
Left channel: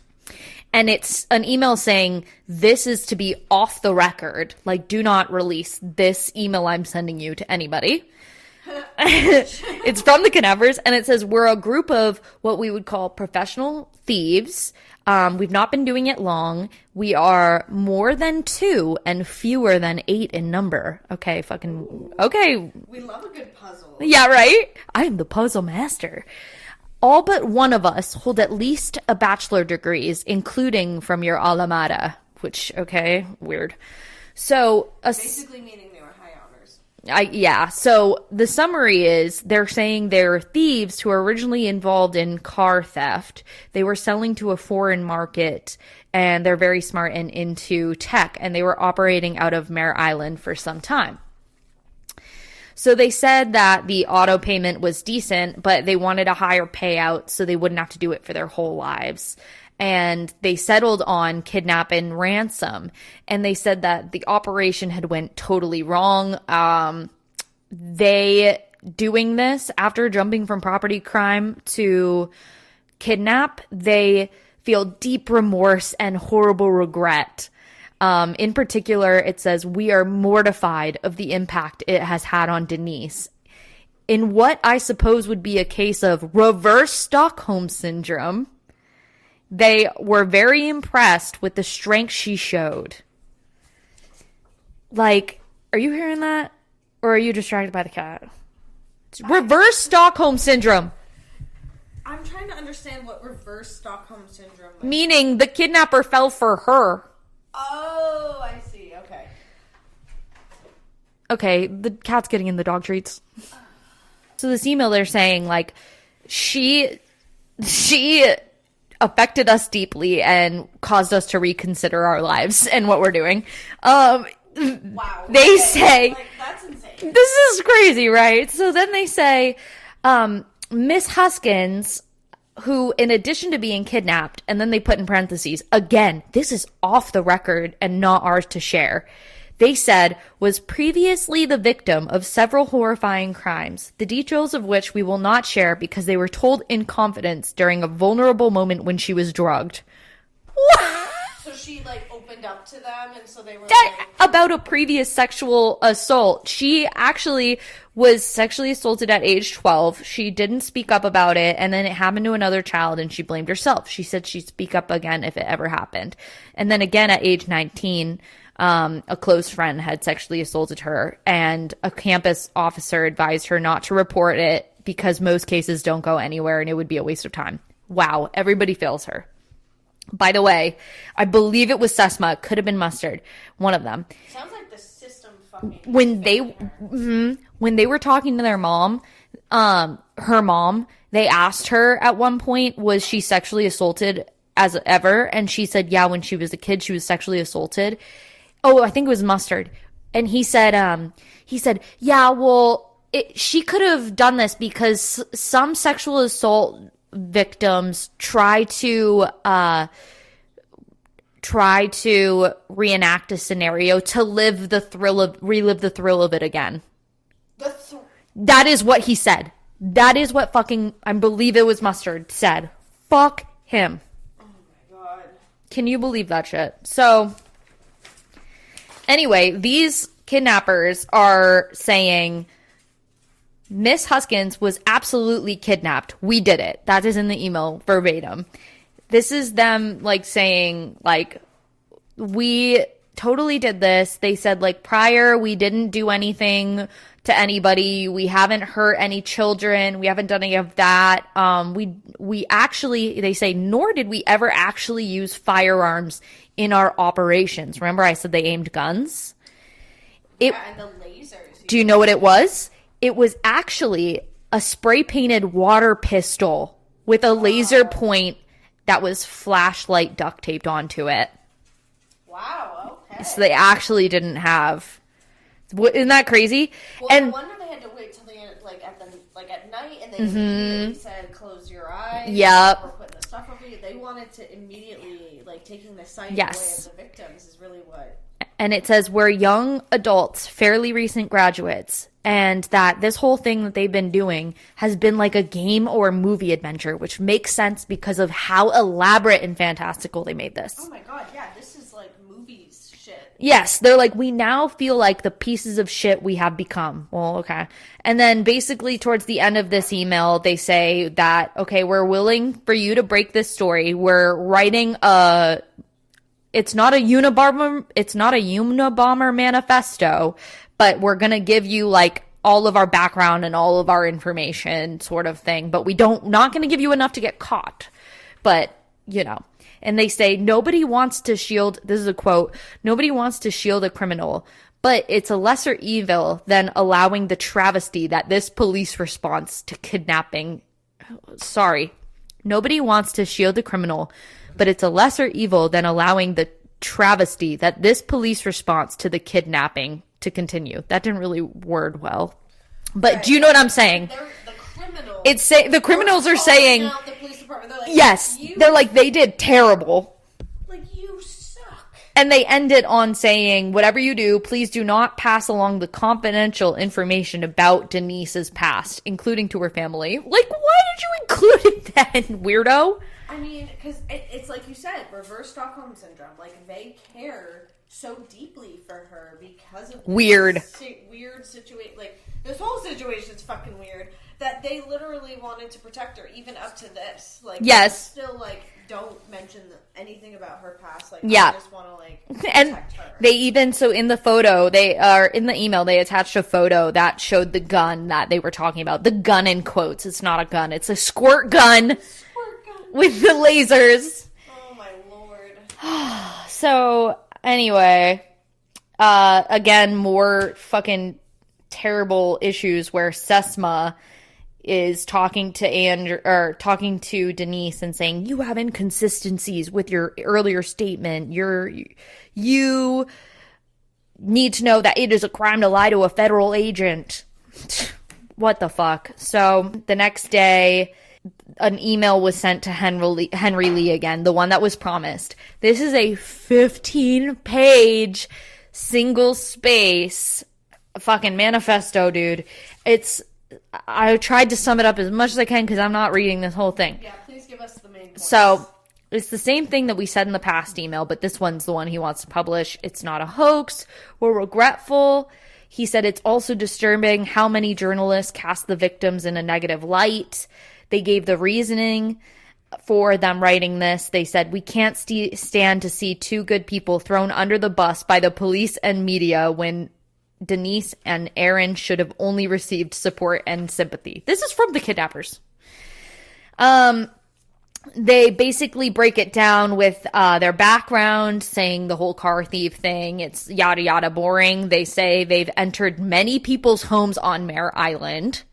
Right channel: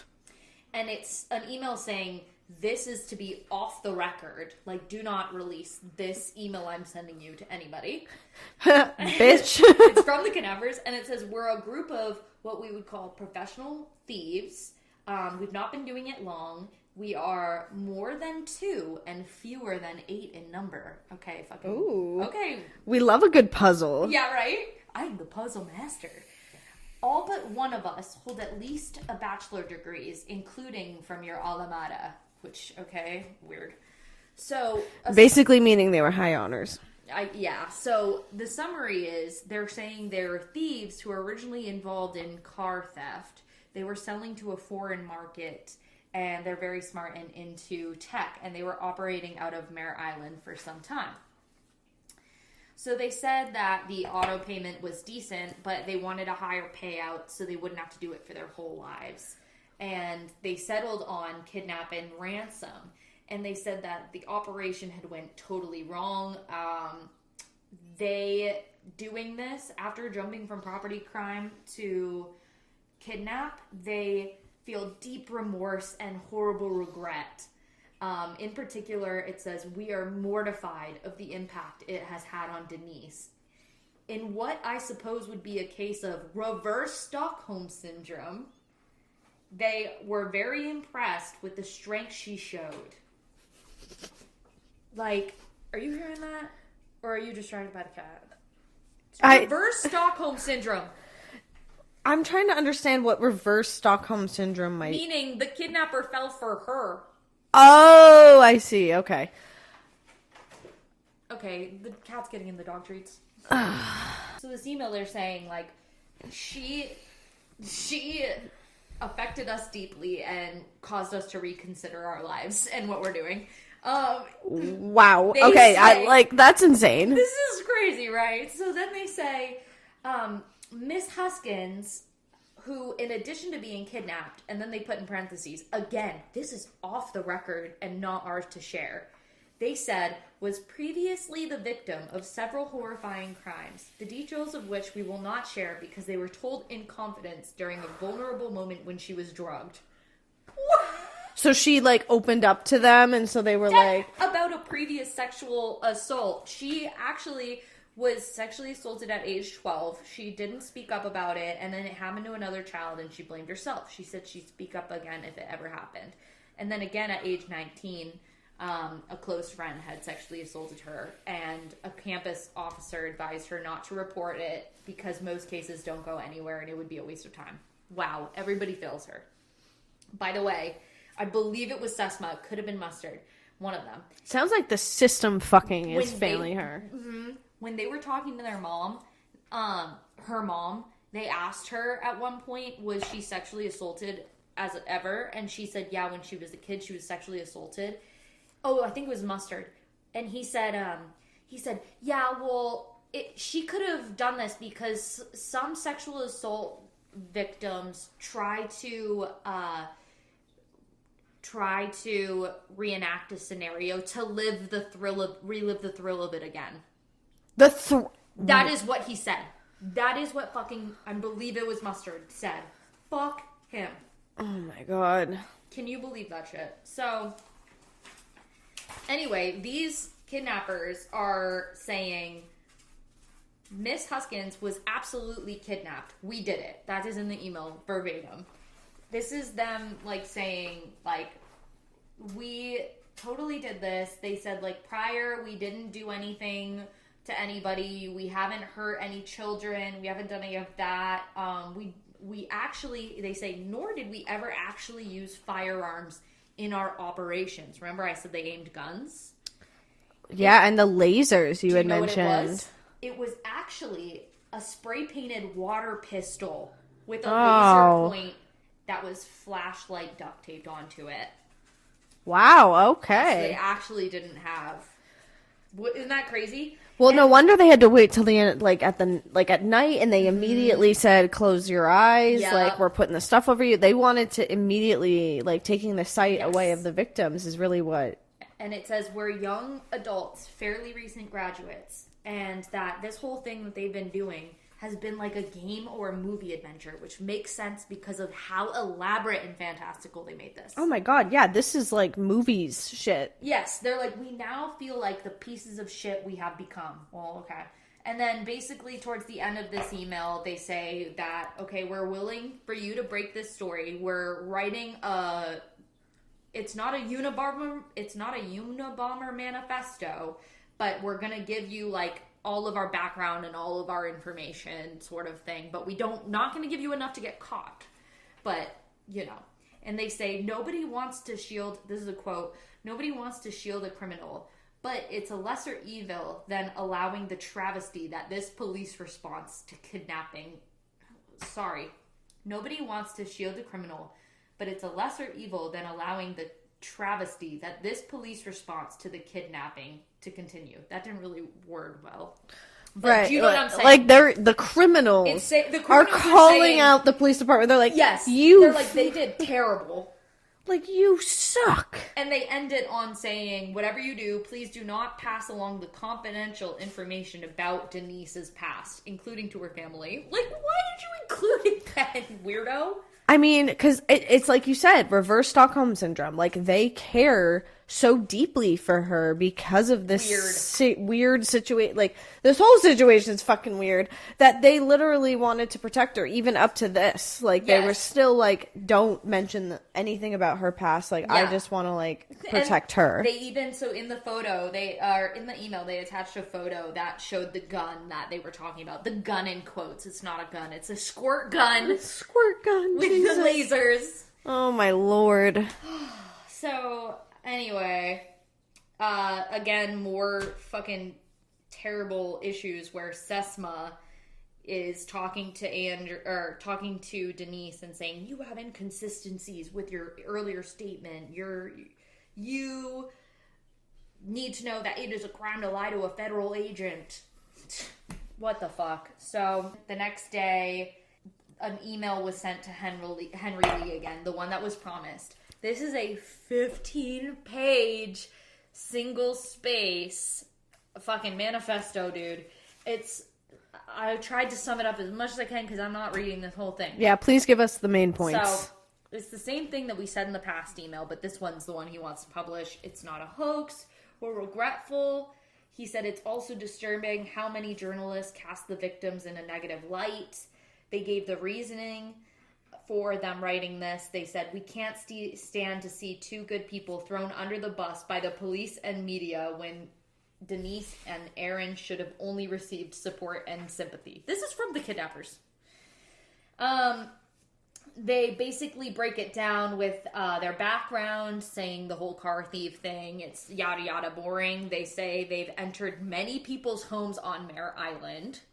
And it's an email saying, this is to be off the record. Like, do not release this email I'm sending you to anybody. It's from the kidnappers, and it says, we're a group of what we would call professional thieves. We've not been doing it long. We are more than 2 and fewer than 8 in number. Okay, fucking... Ooh. Okay. We love a good puzzle. Yeah, right? I am the puzzle master. All but one of us hold at least a bachelor degrees, including from your alma mater, which, okay, weird. So... basically meaning they were high honors. Yeah, so the summary is they're saying they're thieves who were originally involved in car theft. They were selling to a foreign market, and they're very smart and into tech, and they were operating out of Mare Island for some time. So they said that the auto payment was decent, but they wanted a higher payout so they wouldn't have to do it for their whole lives. And they settled on kidnap and ransom. And they said that the operation had went totally wrong. They doing this after jumping from property crime to kidnap, they feel deep remorse and horrible regret. In particular, it says, we are mortified of the impact it has had on Denise. In what I suppose would be a case of reverse Stockholm syndrome, they were very impressed with the strength she showed. Like, are you hearing that? Or are you distracted by the cat? Reverse Stockholm syndrome. I'm trying to understand what reverse Stockholm syndrome might... Meaning the kidnapper fell for her. Oh, I see. Okay. Okay, the cat's getting in the dog treats. So this email, they're saying, like, she affected us deeply and caused us to reconsider our lives and what we're doing. Wow. They say, like, that's insane. This is crazy, right? So then they say, Miss Huskins, who, in addition to being kidnapped, and then they put in parentheses, again, this is off the record and not ours to share, they said, was previously the victim of several horrifying crimes, the details of which we will not share because they were told in confidence during a vulnerable moment when she was drugged. So she, like, opened up to them, and so they were like... About a previous sexual assault. She actually was sexually assaulted at age 12. She didn't speak up about it, and then it happened to another child, and she blamed herself. She said she'd speak up again if it ever happened. And then again at age 19... a close friend had sexually assaulted her, and a campus officer advised her not to report it because most cases don't go anywhere and it would be a waste of time. Wow, everybody fails her. By the way, I believe it was Sesma. It could have been Mustard. One of them. Sounds like the system fucking is failing her. When they were talking to their mom, her mom, they asked her at one point, was she sexually assaulted as ever? And she said, yeah, when she was a kid, she was sexually assaulted. Oh, I think it was Mustard. And he said, yeah, well, she could have done this because some sexual assault victims try to reenact a scenario to relive the thrill of it again. That is what he said. That is what fucking, I believe it was Mustard, said. Fuck him. Oh my god. Can you believe that shit? So, anyway, these kidnappers are saying Miss Huskins was absolutely kidnapped. We did it. That is in the email verbatim. This is them, like, saying, like, we totally did this. They said, like, prior, we didn't do anything to anybody. We haven't hurt any children. We haven't done any of that. We actually, they say, nor did we ever actually use firearms in our operations. Remember I said they aimed guns? Yeah, and the lasers. Do you know what it was? It was actually a spray-painted water pistol with a laser point that was flashlight duct taped onto it. Wow, okay. So they actually didn't have... Isn't that crazy? Well, no wonder they had to wait till the end, like at night, and they immediately said, "Close your eyes." Yeah, like, we're putting the stuff over you. They wanted to immediately, like, taking the sight away of the victims is really what. And it says we're young adults, fairly recent graduates, and that this whole thing that they've been doing has been like a game or a movie adventure, which makes sense because of how elaborate and fantastical they made this. Oh my god, yeah, this is like movies shit. Yes, they're like, we now feel like the pieces of shit we have become. Well, okay. And then basically towards the end of this email, they say that, okay, we're willing for you to break this story. We're writing it's not a Unabomber manifesto, but we're going to give you like all of our background and all of our information sort of thing, but not going to give you enough to get caught. But, you know, and they say nobody wants to shield, this is a quote, nobody wants to shield a criminal, but it's a lesser evil than allowing the travesty that this police response to kidnapping, nobody wants to shield a criminal, but it's a lesser evil than allowing the travesty that this police response to the kidnapping to continue. That didn't really word well. But right. Do you know what I'm saying? Like the criminals. The criminals are saying out the police department. They're like, yes, they're like, they did terrible. Like, you suck. And they end it on saying, whatever you do, please do not pass along the confidential information about Denise's past, including to her family. Like, why did you include it then, weirdo? I mean, because it's like you said, reverse Stockholm syndrome. Like, they care so deeply for her because of this weird situation. Like, this whole situation is fucking weird that they literally wanted to protect her even up to this. Like, yes. They were still like, don't mention anything about her past. Like, yeah. I just want to like protect her. They even, so in the photo, in the email, they attached a photo that showed the gun that they were talking about. The gun in quotes. It's not a gun. It's a squirt gun. Squirt gun. With the lasers. Oh my lord. So anyway, again, more fucking terrible issues where Sesma is talking to Denise and saying, you have inconsistencies with your earlier statement. You need to know that it is a crime to lie to a federal agent. What the fuck? So the next day, an email was sent to Henry Lee again, the one that was promised. This is a 15-page single space fucking manifesto, dude. I tried to sum it up as much as I can because I'm not reading this whole thing. Yeah, please give us the main points. So it's the same thing that we said in the past email, but this one's the one he wants to publish. It's not a hoax. We're regretful. He said it's also disturbing how many journalists cast the victims in a negative light. They gave the reasoning for them writing this. They said, we can't stand to see two good people thrown under the bus by the police and media when Denise and Aaron should have only received support and sympathy. This is from the kidnappers. They basically break it down with their background, saying the whole car thief thing. It's yada yada boring. They say they've entered many people's homes on Mare Island.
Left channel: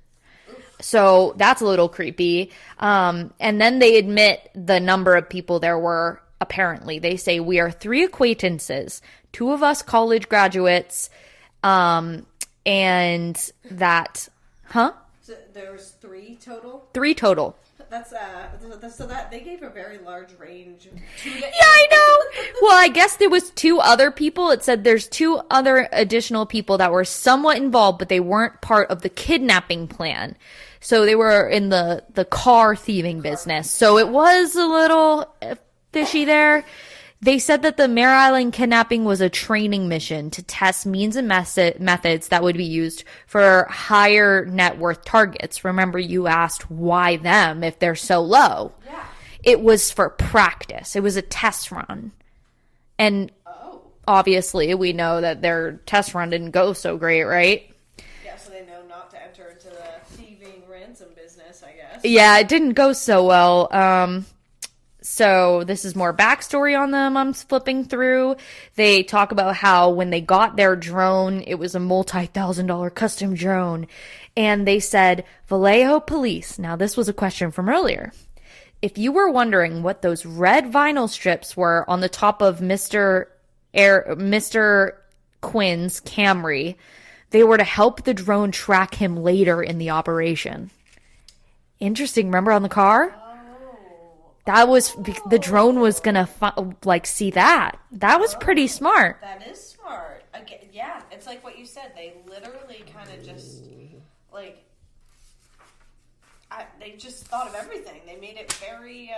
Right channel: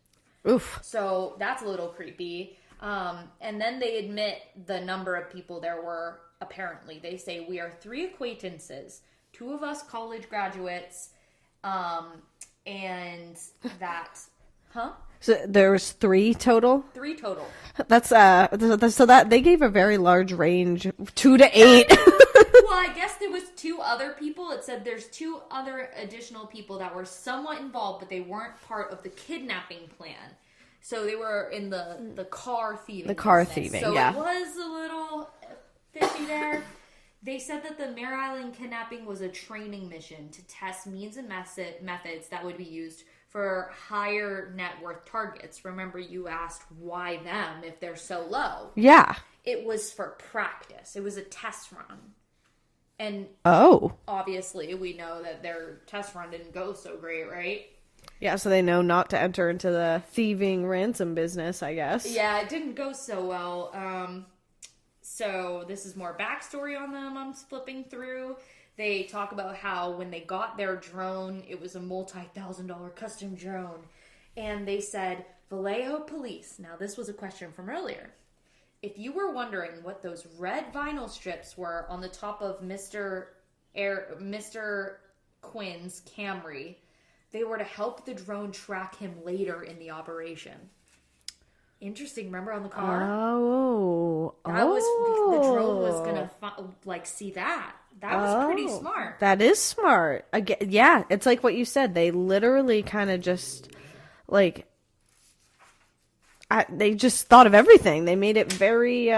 Oof. So that's a little creepy. And then they admit the number of people there were. Apparently, they say, we are 3 acquaintances, 2 of us college graduates, and that, So there's 3 total? 3 total. That's so that they gave a very large range, 2 to 8. Yeah, I know. Well, I guess there was 2 other people. It said there's 2 other additional people that were somewhat involved, but they weren't part of the kidnapping plan. So they were in the car thieving business. So it was a little fishy there. They said that the Mare Island kidnapping was a training mission to test means and methods that would be used for higher net worth targets. Remember, you asked why them if they're so low. Yeah. It was for practice. It was a test run. And obviously, we know that their test run didn't go so great, right? Yeah, so they know not to enter into the thieving ransom business, I guess. Yeah, it didn't go so well. So this is more backstory on them I'm flipping through. They talk about how when they got their drone, it was a multi-$1,000 custom drone. And they said, Vallejo police. Now, this was a question from earlier. If you were wondering what those red vinyl strips were on the top of Mr. Quinn's Camry, they were to help the drone track him later in the operation. Interesting. Remember on the car? That was the drone was gonna see that. That was pretty smart. That is smart. Yeah, it's like what you said. They literally kind of just they just thought of everything. They made it very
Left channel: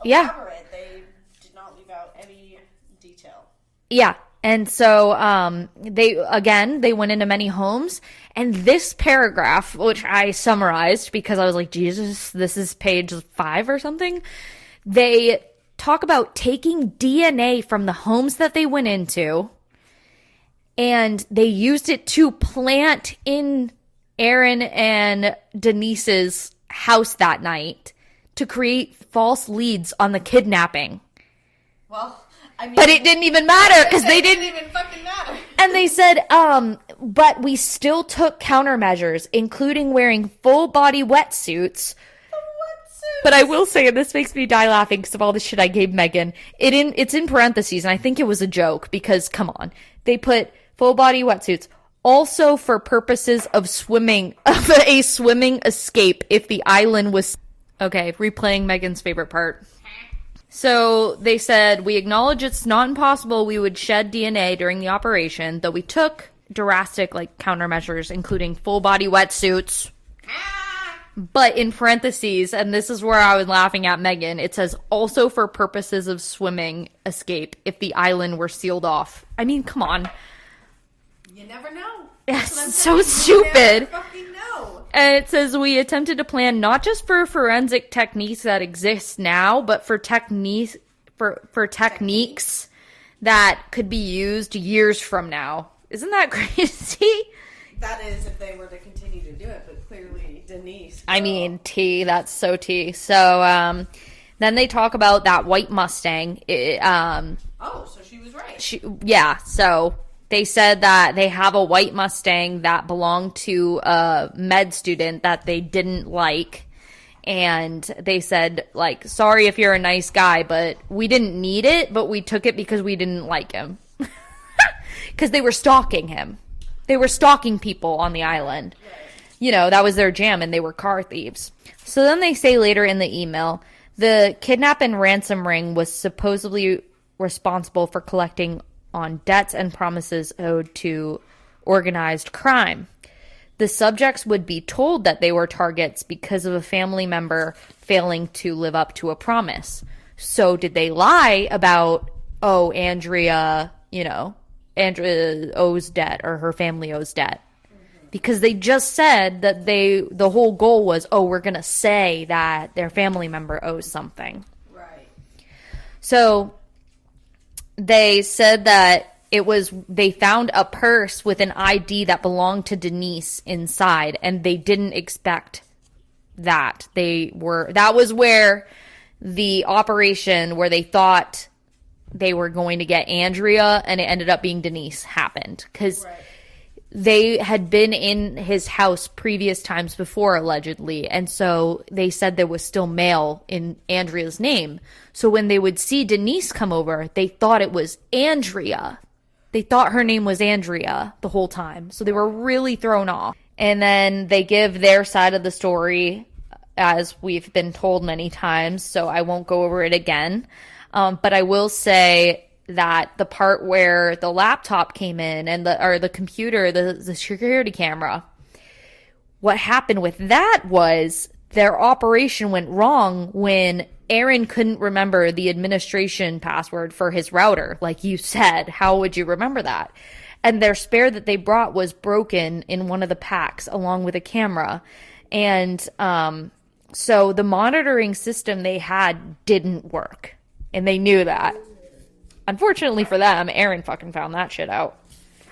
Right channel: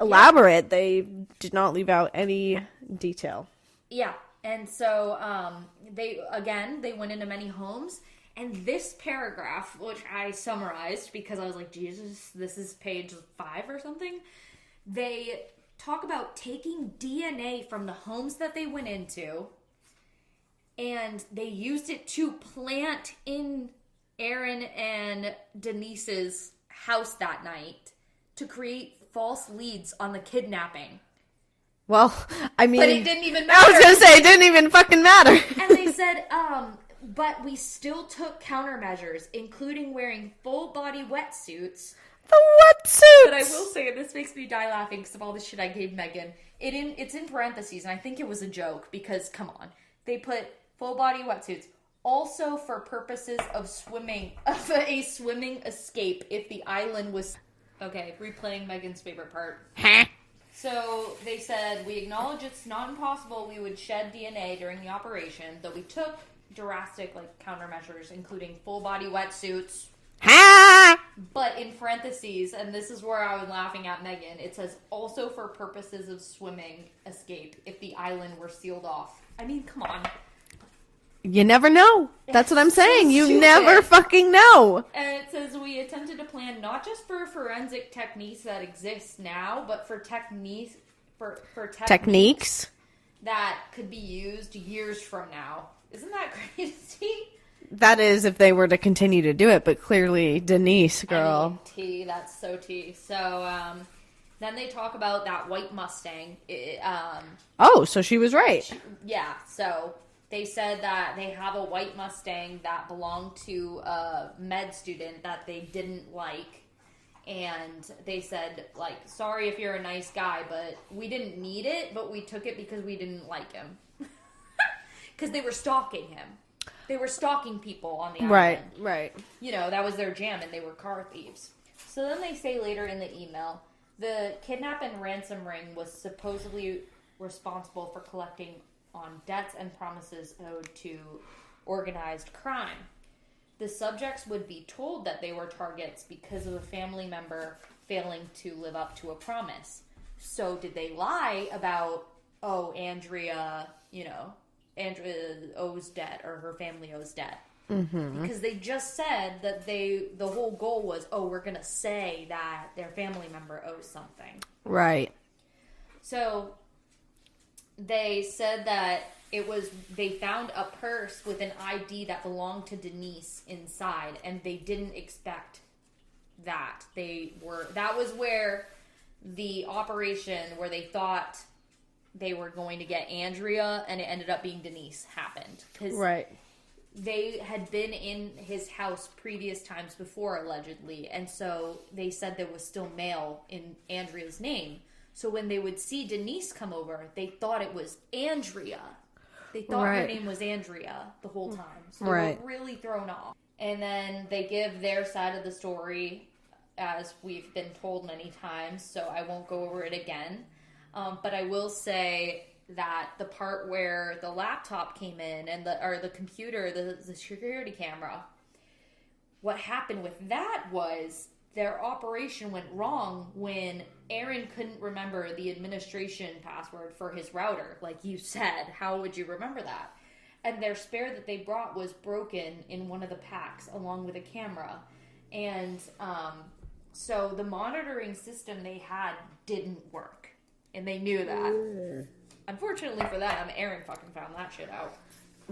elaborate. They did not leave out any detail. Yeah. And so they went into many homes. And this paragraph, which I summarized because I was like, Jesus, this is page 5 or something. They talk about taking DNA from the homes that they went into, and they used it to plant in Aaron and Denise's house that night to create false leads on the kidnapping. Well, I mean, but it didn't even matter. I was gonna say, it didn't even fucking matter. And they said, but we still took countermeasures, including wearing full body wetsuits. The wetsuits! But I will say, and this makes me die laughing because of all the shit I gave Megan. It's in parentheses, and I think it was a joke because, come on, they put full body wetsuits. Also for purposes of a swimming escape if the island was... Okay, replaying Megan's favorite part. So they said, we acknowledge it's not impossible we would shed DNA during the operation, though we took drastic countermeasures, including full body wetsuits. But in parentheses, and this is where I was laughing at Megan, it says also for purposes of swimming escape if the island were sealed off. I mean, come on. You never know. That's what I'm So saying. You stupid. never fucking know. And it says we attempted to plan not just for forensic techniques that exist now, but for techniques that could be used years from now. Isn't that crazy? That is if they were to continue to do it, but clearly Denise, girl. I mean, that's so T. So then they talk about that white Mustang. So she was right. So they said that they have a white Mustang that belonged to a med student that they didn't like. And they said, sorry if you're a nice guy, but we didn't need it, but we took it because we didn't like him. Because they were stalking him. They were stalking people on the island. Right. That was their jam, and they were car thieves. So then they say later in the email, the kidnap and ransom ring was supposedly responsible for collecting on debts and promises owed to organized crime. The subjects would be told that they were targets because of a family member failing to live up to a promise. So did they lie about, Andrea owes debt or her family owes debt? Mm-hmm. Because they just said that the whole goal was, we're going to say that their family member owes something. Right. So they said that they found a purse with an ID that belonged to Denise inside, and they didn't expect that. That was where the operation where they thought they were going to get Andrea, and it ended up being Denise, happened. Because they had been in his house previous times before, allegedly. And so they said there was still mail in Andrea's name. So when they would see Denise come over, they thought it was Andrea. They thought her name was Andrea the whole time. So they were really thrown off. And then they give their side of the story, as we've been told many times. So I won't go over it again. But I will say that the part where the laptop came in and the computer, the security camera, what happened with that was their operation went wrong when Aaron couldn't remember the administration password for his router. Like you said, how would you remember that? And their spare that they brought was broken in one of the packs along with a camera. And so the monitoring system they had didn't work. And they knew that. Unfortunately for them, Aaron fucking found that shit out.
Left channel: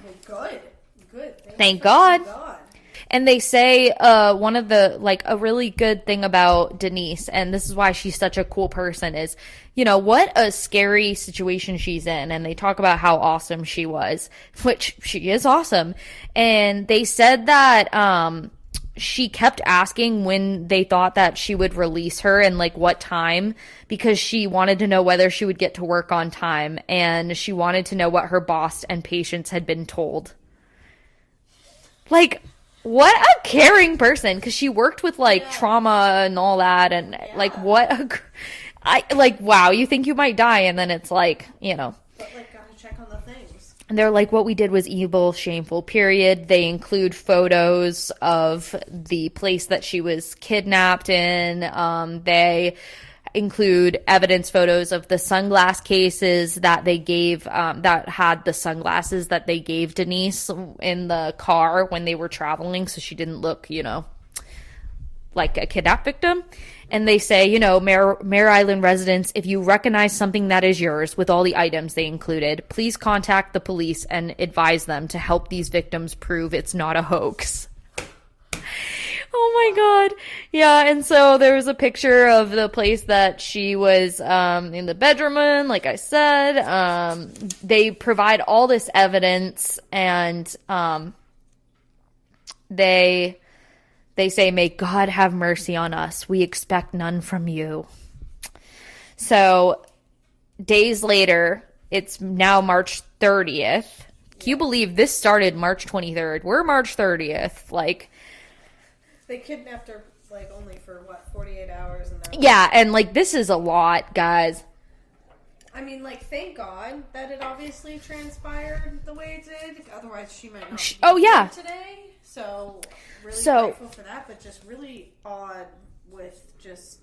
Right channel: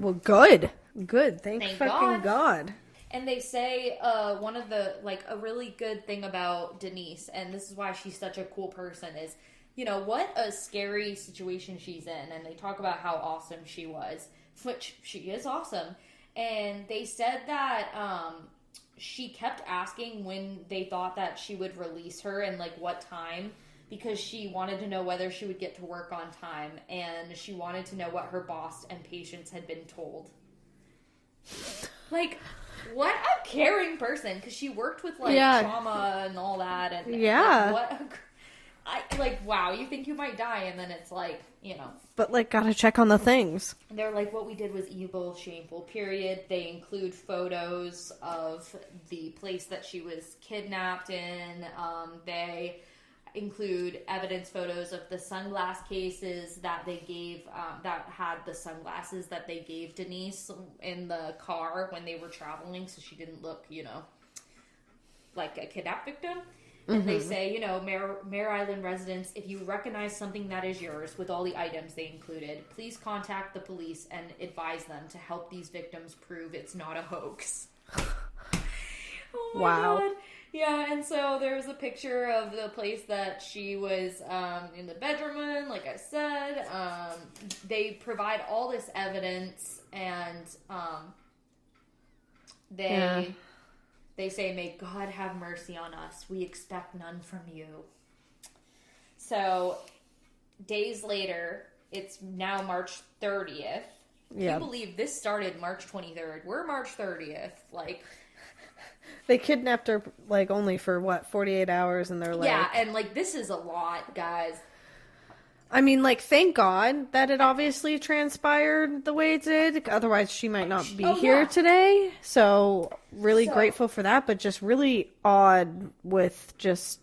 Well, good. Thank God. And they say one of the, like, a really good thing about Denise, and this is why she's such a cool person, is, you know, what a scary situation she's in. And they talk about how awesome she was, which she is awesome. And they said that she kept asking when they thought that she would release her and, like, what time, because she wanted to know whether she would get to work on time. And she wanted to know what her boss and patients had been told. Like, what a caring person, because she worked with, like, trauma and all that, and, like, what wow, you think you might die, and then it's like, you know. But, like, gotta check on the things. And they're like, what we did was evil, shameful, period. They include photos of the place that she was kidnapped in. They include evidence photos of the sunglass cases that they gave, that had the sunglasses that they gave Denise in the car when they were traveling, so she didn't look, you know, like a kidnap victim. And they say, you know, Mare Island residents, if you recognize something that is yours, with all the items they included, please contact the police and advise them to help these victims prove it's not a hoax. Oh my God. Yeah, and so there was a picture of the place that she was in the bedroom in, like I said. They provide all this evidence, and they say, may God have mercy on us. We expect none from you. So days later, it's now March 30th. Can you believe this started March 23rd? We're March 30th. Like, they kidnapped her, like, only for, 48 hours, and they're like... Yeah, and, like, this is a lot, guys. I mean, like, thank God that it obviously transpired the way it did. Otherwise, she might not be here today. So, really grateful for that, but just really odd with just...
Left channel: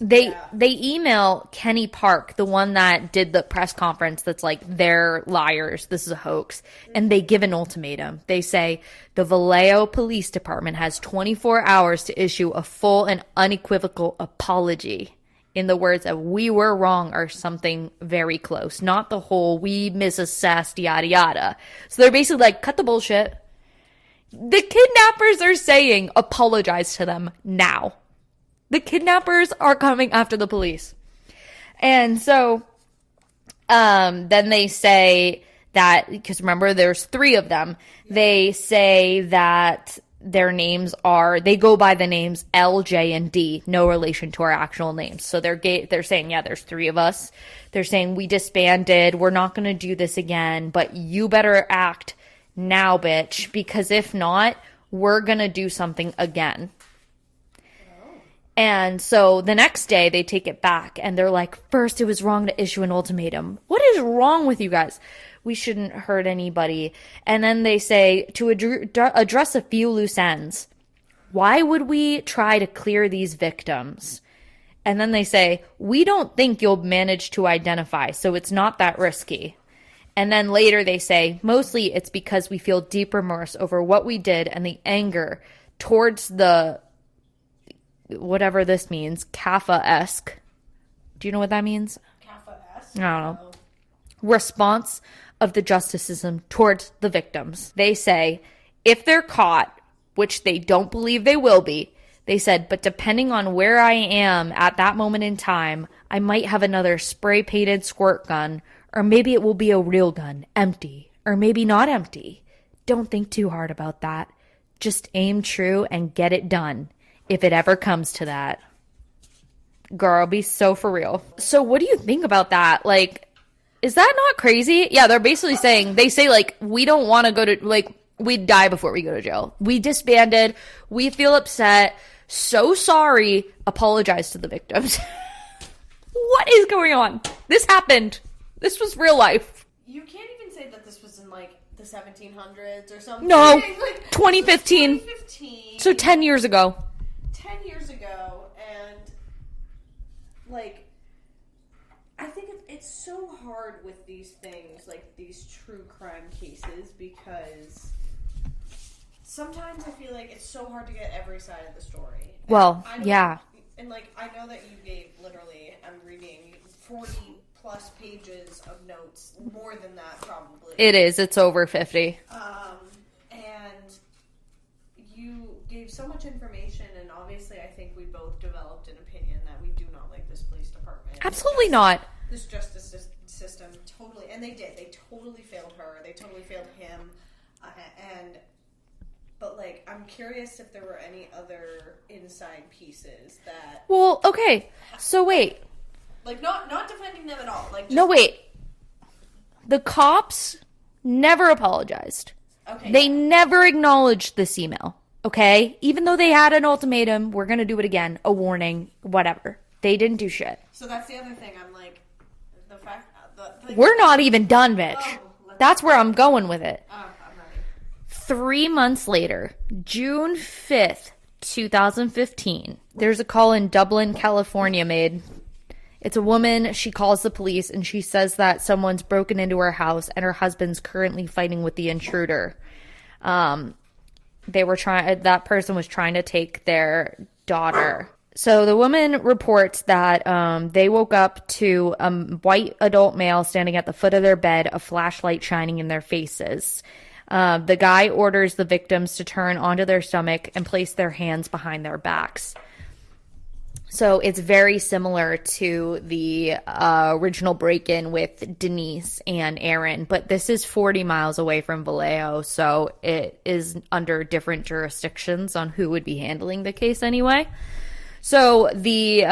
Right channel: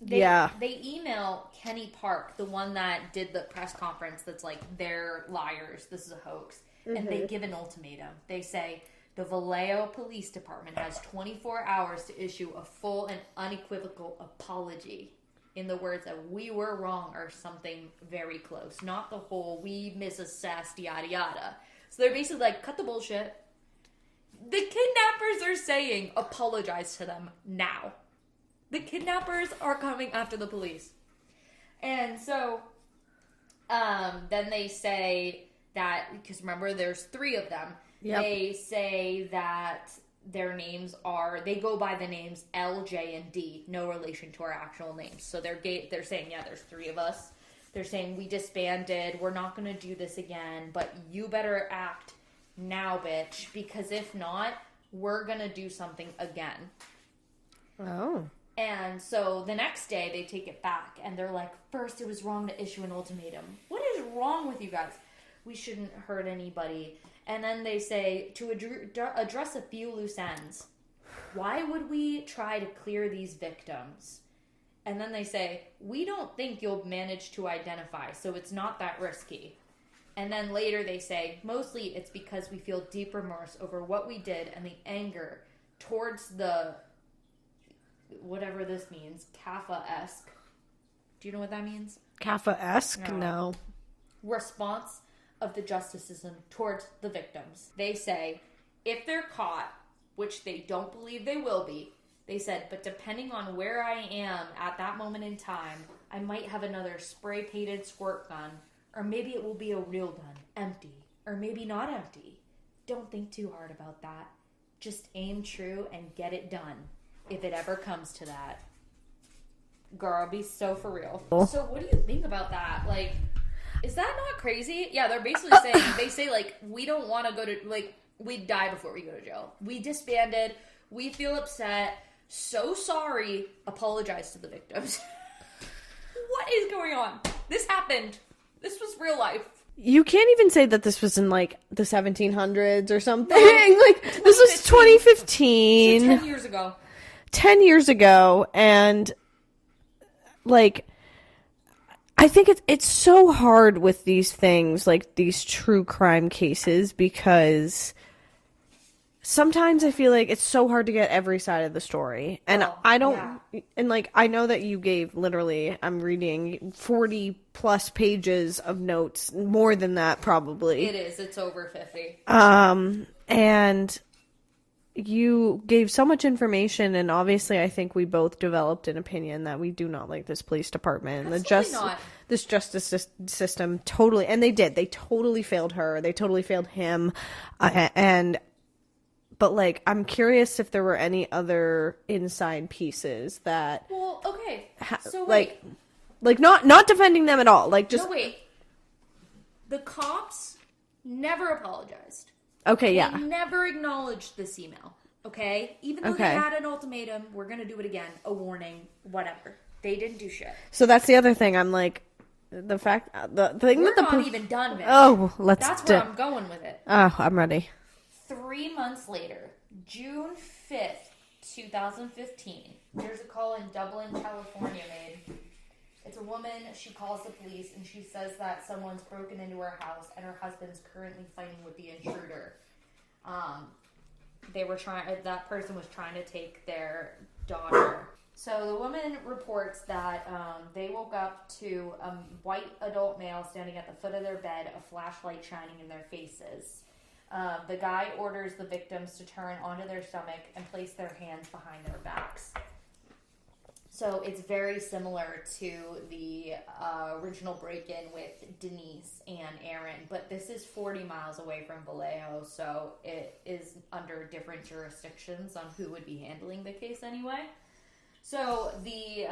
They email Kenny Park, the one that did the press conference that's like, they're liars, this is a hoax. And they give an ultimatum. They say, the Vallejo Police Department has 24 hours to issue a full and unequivocal apology. In the words of, we were wrong, or something very close. Not the whole, we misassessed, yada yada. So they're basically like, cut the bullshit. The kidnappers are saying, apologize to them now. The kidnappers are coming after the police. And so then they say that, because remember, there's 3 of them. Yep. They say that their names are, they go by the names L, J, and D, no relation to our actual names. So they're saying, yeah, there's 3 of us. They're saying, we disbanded, we're not going to do this again, but you better act now, bitch, because if not, we're going to do something again. Oh. And so the next day they take it back, and they're like, first it was wrong to issue an ultimatum. What is wrong with you guys? We shouldn't hurt anybody. And then they say, to address a few loose ends, why would we try to clear these victims? And then they say, we don't think you'll manage to identify, so it's not that risky. And then later they say, mostly it's because we feel deep remorse over what we did and the anger towards the, whatever this means, CAFA-esque. Do you know what that means? CAFA-esque? No. Response of the justice system towards the victims. They say, if they're caught, which they don't believe they will be, they said, but depending on where I am at that moment in time, I might have another spray-painted squirt gun, or maybe it will be a real gun, empty, or maybe not empty. don't think too hard about that. Just aim true and get it done, if it ever comes to that. Girl, be so for real. So what do you think about that? Like, is that not crazy? Yeah, they're basically saying, they say, like, we don't want to go to, like, we'd die before we go to jail. We disbanded. We feel upset. So sorry. Apologize to the victims. What is going on? This happened. This was real life. You can't even say that this was in, like, the 1700s or something. No, like 2015. 2015. So 10 years ago. 10 years ago, and, like, I think it's so hard with these things, like these true crime cases, because sometimes I feel like it's so hard to get every side of the story. And well, I don't, yeah. And like, I know that you gave literally, I'm reading 40 plus pages of notes, more than that probably. It is. It's over 50. And you gave so much information, and obviously I think we both developed an opinion that we do not like this police department. Absolutely not. This justice system totally, and they totally failed her. They totally failed him. But like, I'm curious if there were any other inside pieces that. Well, okay. So wait. Like not defending them at all. Like, just. No, wait. The cops never apologized. Okay, They never acknowledged this email, okay? Even though they Okay. had an ultimatum, we're going to do it again, a warning, whatever. They didn't do shit. So that's the other thing. I'm like, the fact. The thing We're not even done, Mitch. Oh, That's where I'm going with it. Oh, I'm ready. 3 months later, June 5th, 2015, there's a call in Dublin, California made. It's a woman. She calls the police and she says that someone's broken into her house and her husband's currently fighting with the intruder. That person was trying to take their daughter. So the woman reports that they woke up to a white adult male standing at the foot of their bed, a flashlight shining in their faces. The guy orders the victims to turn onto their stomach and place their hands behind their backs. So it's very similar to the original break-in with Denise and Aaron, but this is 40 miles away from Vallejo, so it is under different jurisdictions on who would be handling the case anyway. So the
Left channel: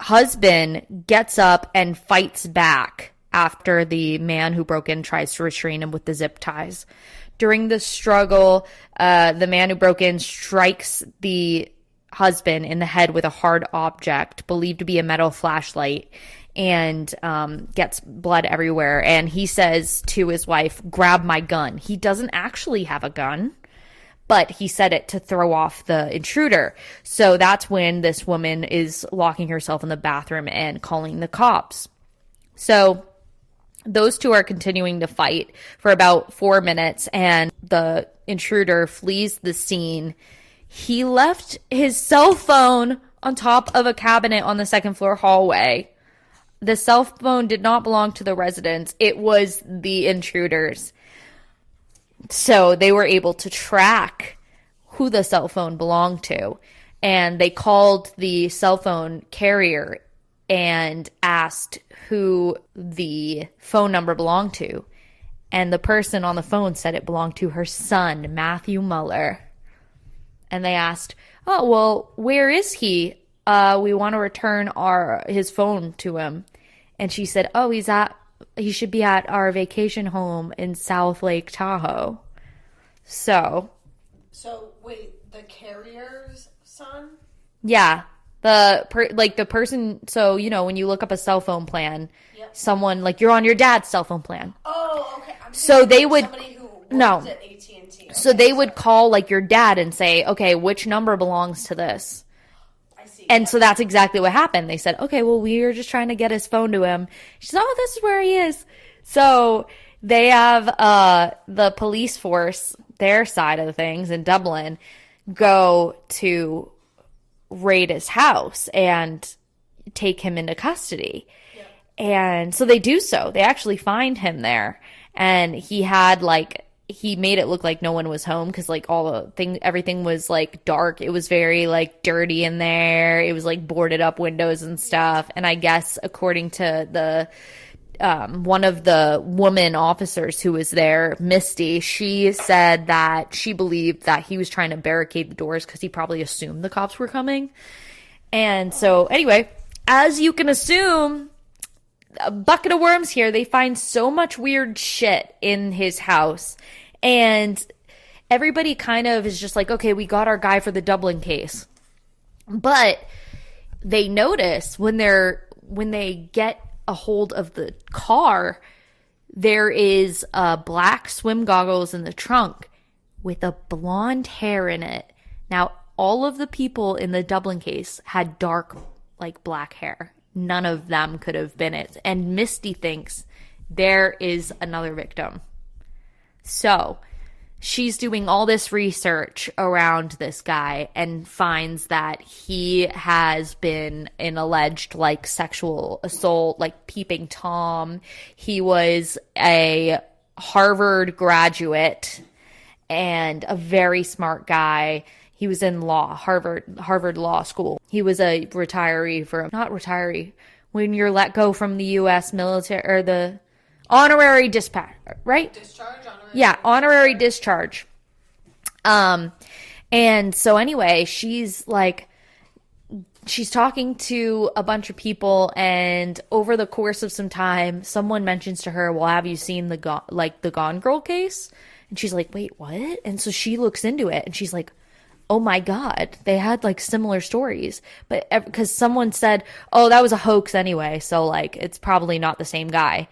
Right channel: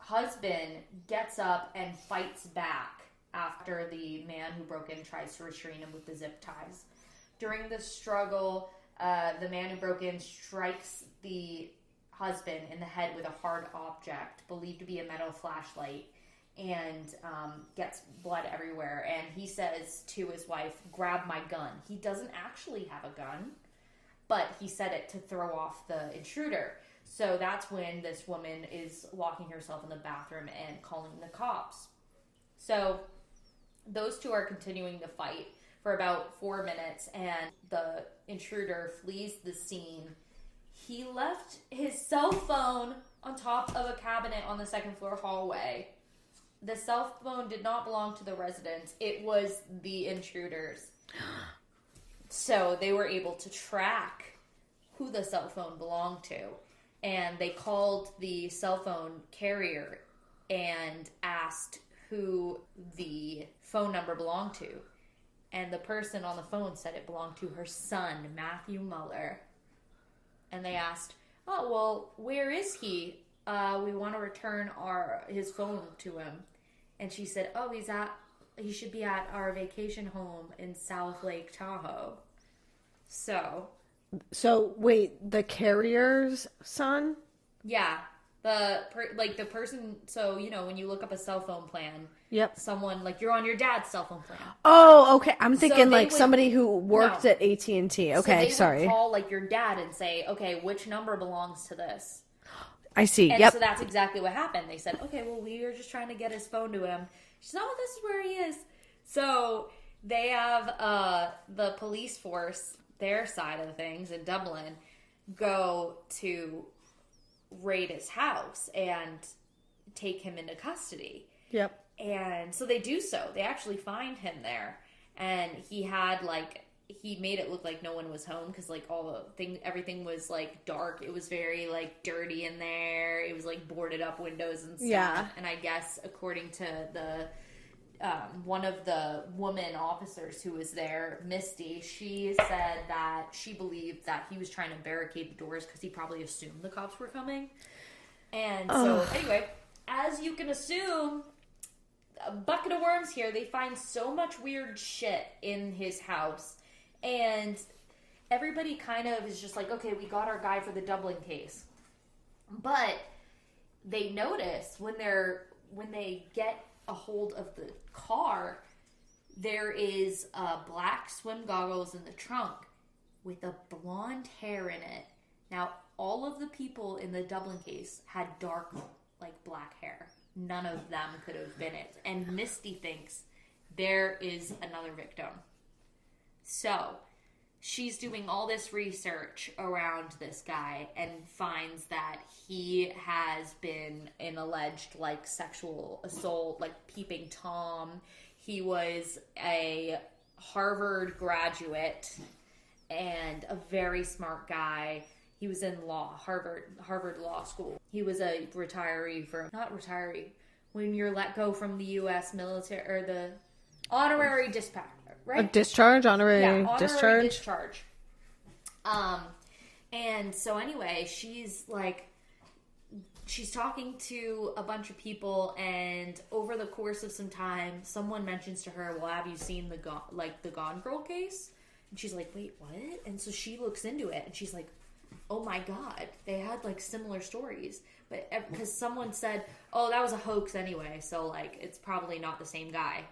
husband gets up and fights back after the man who broke in tries to restrain him with the zip ties. During the struggle, the man who broke in strikes the husband in the head with a hard object believed to be a metal flashlight, and gets blood everywhere. And he says to his wife, "Grab my gun." He doesn't actually have a gun, but he said it to throw off the intruder. So that's when this woman is locking herself in the bathroom and calling the cops. So those two are continuing to fight for about 4 minutes, and the intruder flees the scene. He left his cell phone on top of a cabinet on the second floor hallway. The cell phone did not belong to the residents. It was the intruders. So they were able to track who the cell phone belonged to. And they called the cell phone carrier and asked who the phone number belonged to. And the person on the phone said it belonged to her son, Matthew Muller. And they asked, "Oh, well, where is he? We want to return his phone to him." And she said, "Oh, he should be at our vacation home in South Lake Tahoe." So wait, the carrier's son? Yeah. The person, so, when you look up a cell phone plan, Yep. someone, like, you're on your dad's cell phone plan. Oh, okay. I'm thinking So they would- somebody who works at AT&T. Okay, So they would sorry. call, like, your dad and say, "Okay, which number belongs to this?" I see. And Yep. so that's exactly what happened. They said, "Okay, well, we were just trying to get his phone to him." She said, "Oh, this is where he is." So they have the police force, their side of the things in Dublin, go to raid his house and take him into custody. Yep. And so they do so. They actually find him there. And he had, like, he made it look like no one was home because, like, everything was, like, dark. It was very, like, dirty in there. It was, like, boarded up windows and stuff. Yeah. And I guess according to the one of the woman officers who was there, Misty, she said that she believed that he was trying to barricade the doors because he probably assumed the cops were coming. And so, anyway, as you can assume, a bucket of worms here. They find so much weird shit in his house. And everybody kind of is just like, okay, we got our guy for the Dublin case. But they notice when they get a hold of the car, there is black swim goggles in the trunk with a blonde hair in it. Now, all of the people in the Dublin case had dark, like, black hair. None of them could have been it. And Misty thinks there is another victim. So she's doing all this research around this guy and finds that he has been an alleged, like, sexual assault, like peeping Tom. He was a Harvard graduate and a very smart guy. He was in law, Harvard Law School. He was a retiree not retiree, when you're let go from the U.S. military, or the honorary dispatch, right? Like discharge, honorary. Yeah, honorary discharge. And so anyway, she's talking to a bunch of people, and over the course of some time, someone mentions to her, well, have you seen the Gone Girl case? And she's like, wait, what? And so she looks into it, and she's like, oh my God, they had, like, similar stories. But because someone said, oh, that was a hoax anyway, so, like, it's probably not the same guy.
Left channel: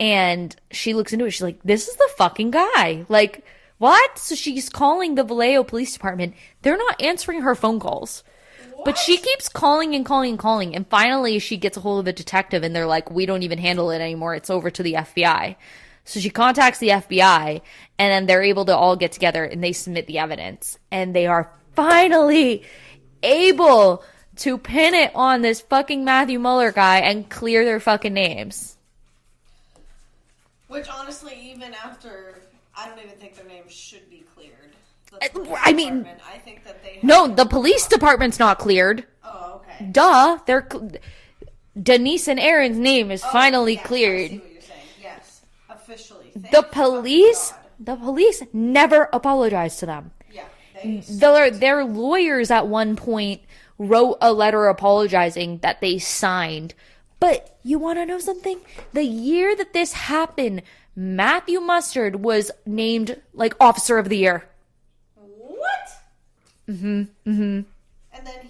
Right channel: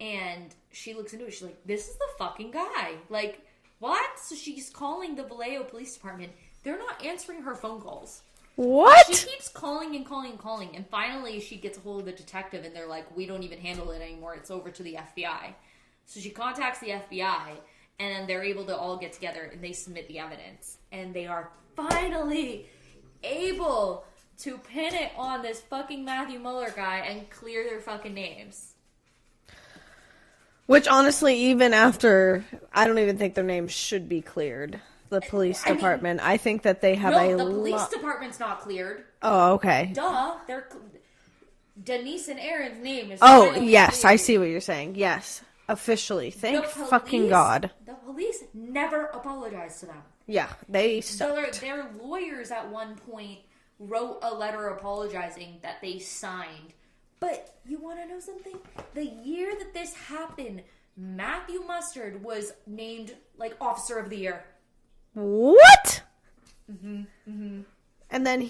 And she looks into it, she's like, this is the fucking guy. Like, what? So she's calling the Vallejo Police Department. They're not answering her phone calls. What? But she keeps calling and calling and calling. And finally, she gets a hold of a detective, and they're like, we don't even handle it anymore. It's over to the FBI. So she contacts the FBI, and then they're able to all get together, and they submit the evidence. And they are finally able to pin it on this fucking Matthew Mueller guy and clear their fucking names. Which, honestly, even after, I don't even think their names should be cleared. The police department. I think that they have. No, the police department's not cleared. Oh, okay. Duh. Denise and Aaron's name is finally yes, cleared. I see what you're saying. Yes. Officially. Thank the police, God. The police never apologized to them. Yeah. Their lawyers at one point wrote a letter apologizing that they signed. But you want to know something? The year that this happened, Matthew Mustard was named, like, Officer of the Year. What? Mm-hmm. Mm-hmm. And then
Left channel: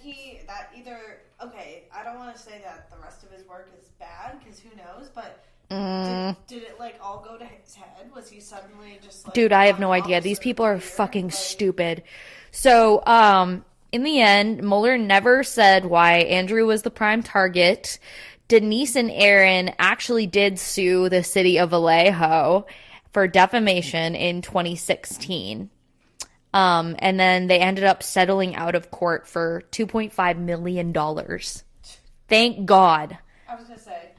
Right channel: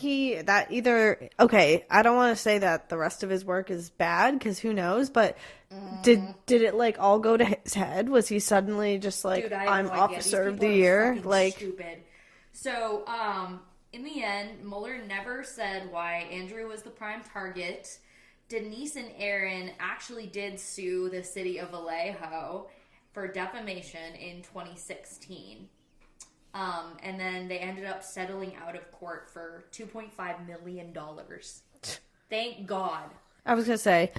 okay, I don't want to say that the rest of his work is bad, because who knows, but did it, like, all go to his head? Was he suddenly just like, dude, I have no idea. These people are fucking stupid. So, in the end, Mueller never said why Andrew was the prime target. Denise and Aaron actually did sue the city of Vallejo for defamation in 2016. And then they ended up settling out of court for $2.5 million. Thank God. I was going to say,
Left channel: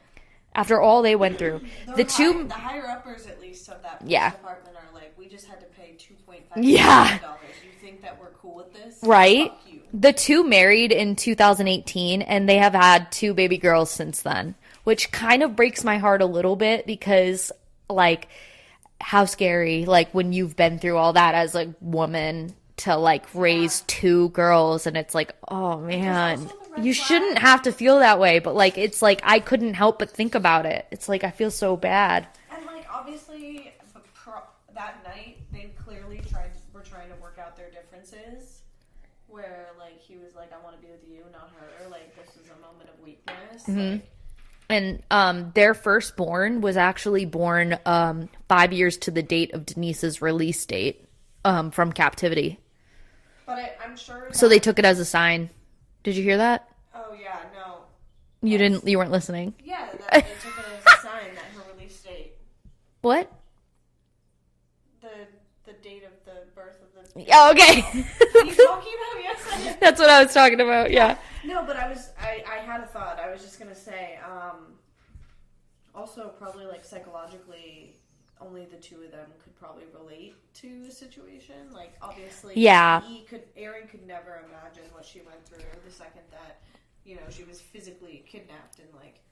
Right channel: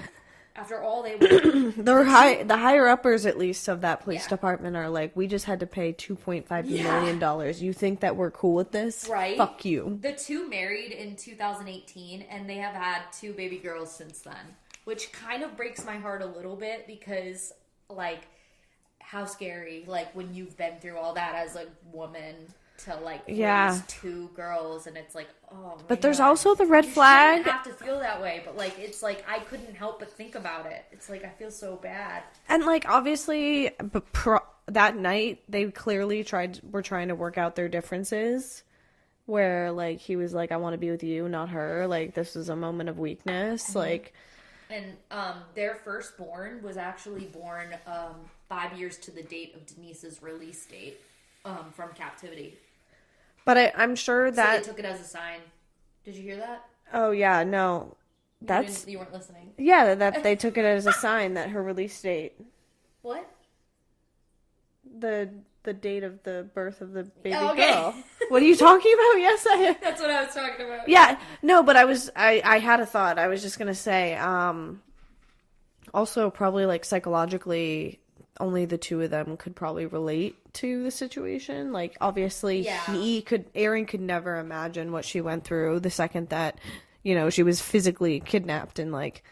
after all they went through. the higher-uppers, at least, of that police department are like, we just had to pay $2.5 million. You think that we're cool with this? Right? Fuck you. The two married in 2018, and they have had 2 baby girls since then, which kind of breaks my heart a little bit because, like, how scary, like, when you've been through all that as a woman to, like, raise 2 girls, and it's like, oh man. But there's also the red flag. You shouldn't have to feel that way, but, like, it's like I couldn't help but think about it. It's like I feel so bad. And, like, obviously, that night they clearly were trying to work out their differences. Where, like, he was like, I want to be with you, not her. Like, this is a moment of weakness. Mm-hmm. Like. And their firstborn was actually born 5 years to the date of Denise's release date from captivity. But I'm sure that... So they took it as a sign. Did you hear that? Oh, yeah, no. You weren't listening. Yeah, that they took it as a sign that her release date... What? The date of the birth of the baby. Oh, okay. Girl. What are you talking about? Yes, that's what I was talking about. Yeah. No, but I had a thought. I was just gonna say, also probably, like, psychologically, only the 2 of them could probably relate to the situation. Like, obviously, Aaron could never imagine what she went through the second that, you know, she was physically kidnapped and, like,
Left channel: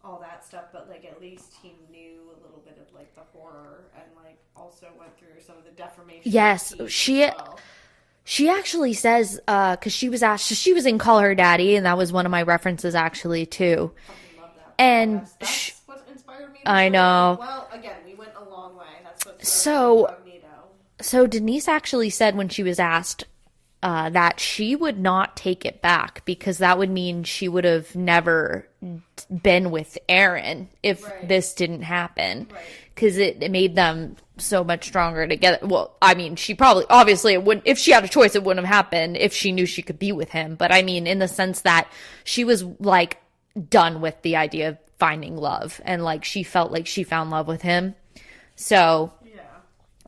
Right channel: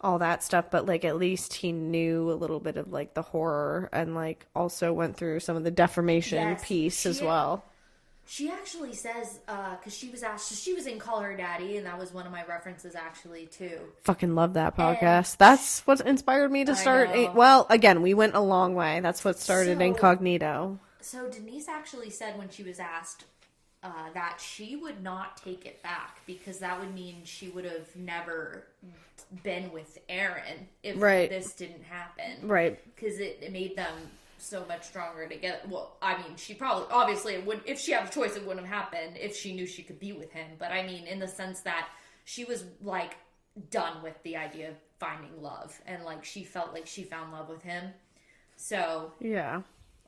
all that stuff, but like at least he knew a little bit of like the horror and like also went through some of the defamation piece as well. She actually says, because she was asked, she was in Call Her Daddy, and that was one of my references actually too. Fucking love that podcast. That's what inspired me to start. I know. Well, again, we went a long way. That's what started Incognito. So Denise actually said when she was asked that she would not take it back because that would mean she would have never been with Aaron if this didn't happen. Right. Because it made them so much stronger together. Well, I mean, she probably, obviously, it wouldn't, if she had a choice, it wouldn't have happened if she knew she could be with him. But I mean, in the sense that she was like done with the idea of finding love and like she felt like she found love with him. So, yeah.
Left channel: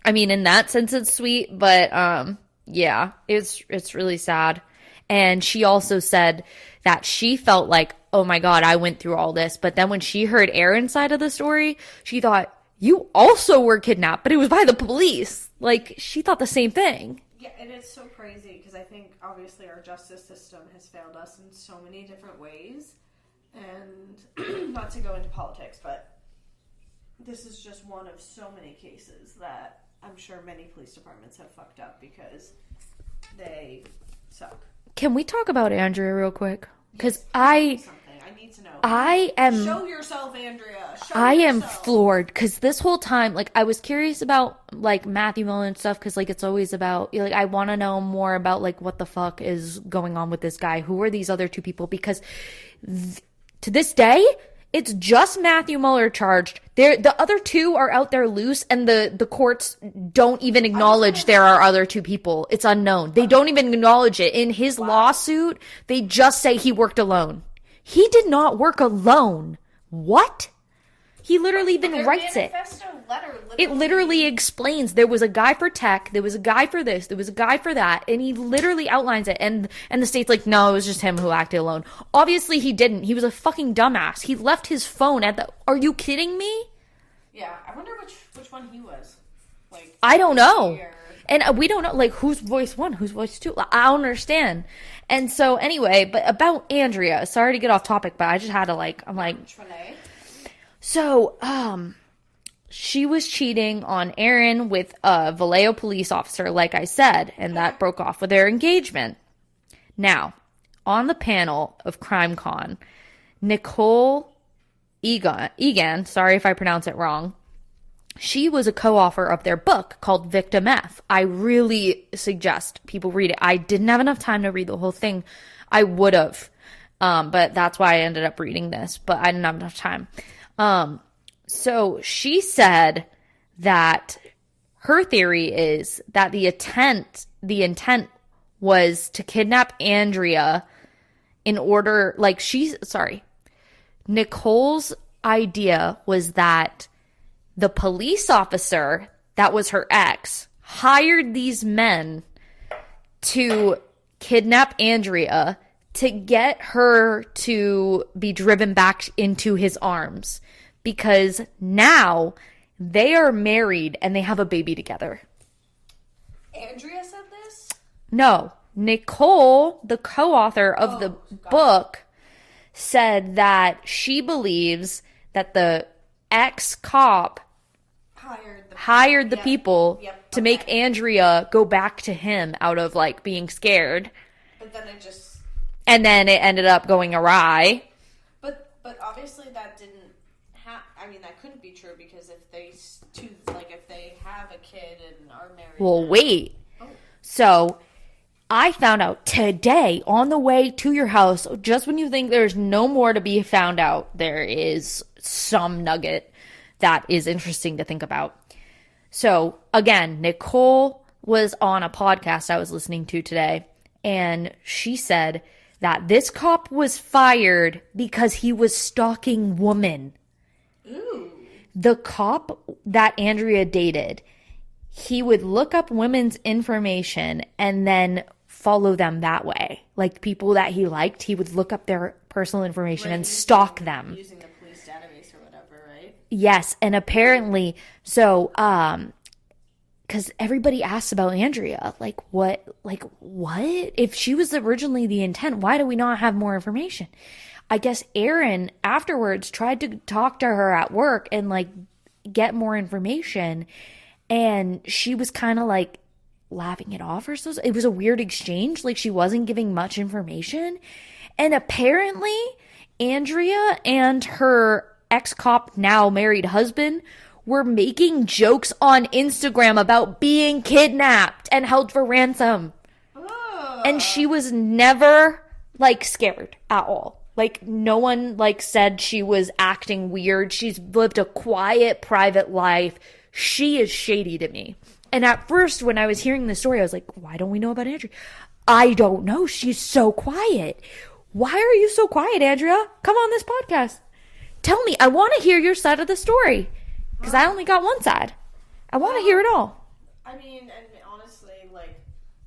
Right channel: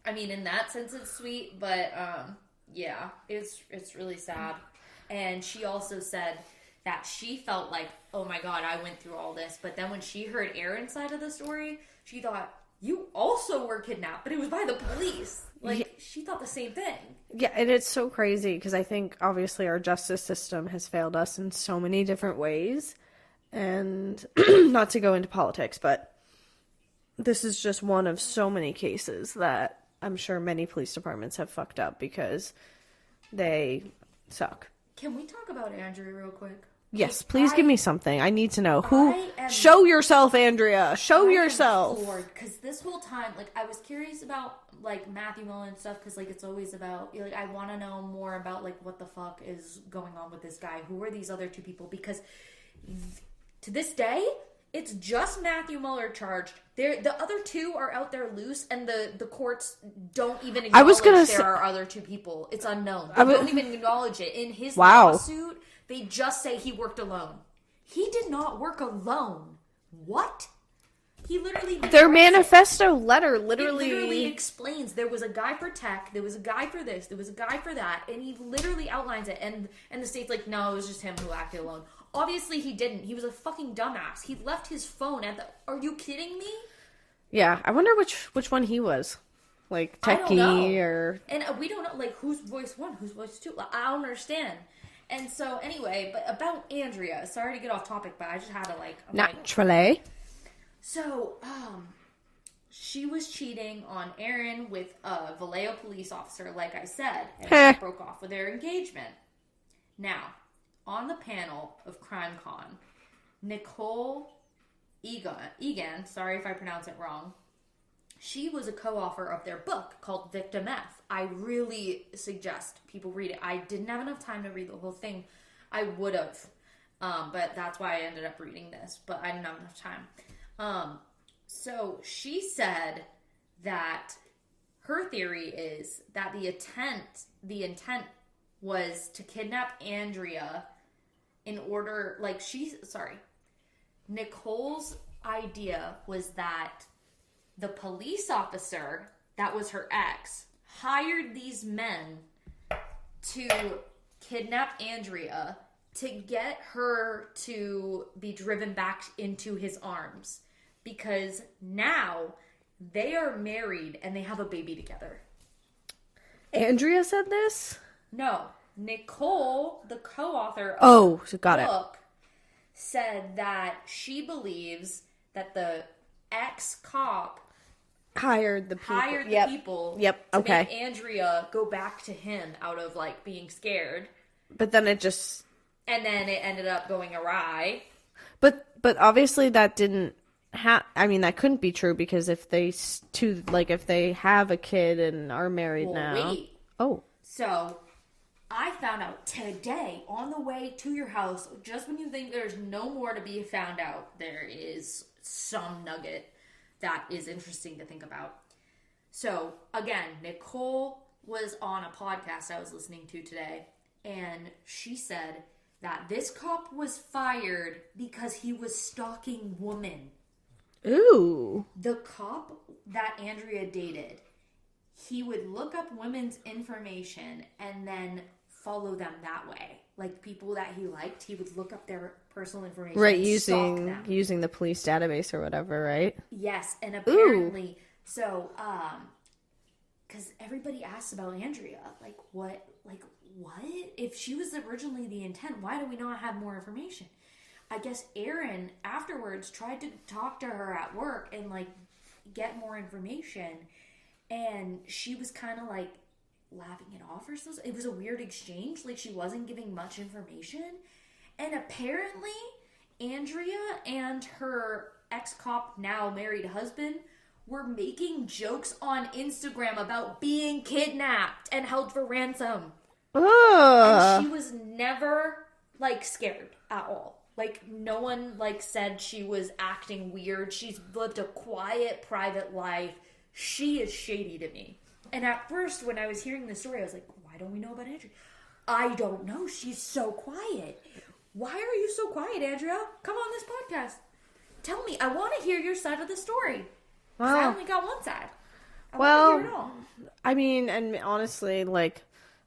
I mean, in that sense, it's sweet, but yeah, it's really sad. And she also said that she felt like, oh my God, I went through all this. But then when she heard Aaron's side of the story, she thought, you also were kidnapped, but it was by the police. Like, she thought the same thing. Yeah, and it's so crazy because I think obviously our justice system has failed us in so many different ways. And not to go into politics, but this is just one of so many cases that I'm sure many police departments have fucked up because they suck. Can we talk about Andrea real quick? Yes, please give me something. I need to know. Show yourself, Andrea. Show yourself. I am floored because this whole time, like, I was curious about, like, Matthew Miller and stuff because, like, it's always about, like, I want to know more about, like, what the fuck is going on with this guy. Who are these other two people? Because to this day, it's just Matthew Mueller charged. The other two are out there loose, and the courts don't even acknowledge there are other two people. It's unknown. They don't even acknowledge it. In his lawsuit, they just say he worked alone. He did not work alone. What? He literally even their writes manifesto letter it literally explains there was a guy for tech, there was a guy for this, there was a guy for that, and he literally outlines it. And the state's like, no, it was just him who acted alone. Obviously he didn't. He was a fucking dumbass. He left his phone at the. Are you kidding me? Yeah, I wonder which one he was. Like, I don't know, or... and we don't know like whose voice one, whose voice two. I don't understand. And so anyway, but about Andrea. Sorry to get off topic, but I just had to like. I'm like Trelay. So, she was cheating on Aaron with a Vallejo police officer, like I said, and that broke off with their engagement. Now, on the panel of CrimeCon, Nicole Egan, sorry if I pronounce it wrong, she was a co-author of their book called Victim F. I really suggest people read it. I didn't have enough time to read the whole thing. I would have, but that's why I ended up reading this, but I didn't have enough time. So she said that her theory is that the intent was to kidnap Andrea in order, like Nicole's idea was that the police officer that was her ex hired these men to kidnap Andrea to get her to be driven back into his arms because now they are married and they have a baby together. Andrea said this? No. Nicole, the co-author of the book, said that she believes that the ex-cop hired the people to make Andrea go back to him out of like being scared. But then it ended up going awry. But obviously that didn't that couldn't be true because if they have a kid and are married now. Wait. Oh. So I found out today on the way to your house, just when you think there's no more to be found out, there is some nugget that is interesting to think about. So again, Nicole was on a podcast I was listening to today, and she said that this cop was fired because he was stalking women. Ooh. The cop that Andrea dated, he would look up women's information and then follow them that way. Like people that he liked, he would look up their personal information and stalk them. Using the police database or whatever, right? Yes. And apparently, so, because everybody asks about Andrea, like what? If she was originally the intent, why do we not have more information? I guess Aaron afterwards tried to talk to her at work and like get more information, and she was kind of like laughing it off or so. It was a weird exchange. Like she wasn't giving much information. And apparently Andrea and her ex-cop, now married husband, were making jokes on Instagram about being kidnapped and held for ransom. Ugh. And she was never like scared at all. Like no one like said she was acting weird. She's lived a quiet, private life. She is shady to me. And at first, when I was hearing the story, I was like, why don't we know about Andrea? I don't know. She's so quiet. Why are you so quiet, Andrea? Come on this podcast. Tell me. I want to hear your side of the story. Because I only got one side. I want to hear it all. I mean, and honestly, like,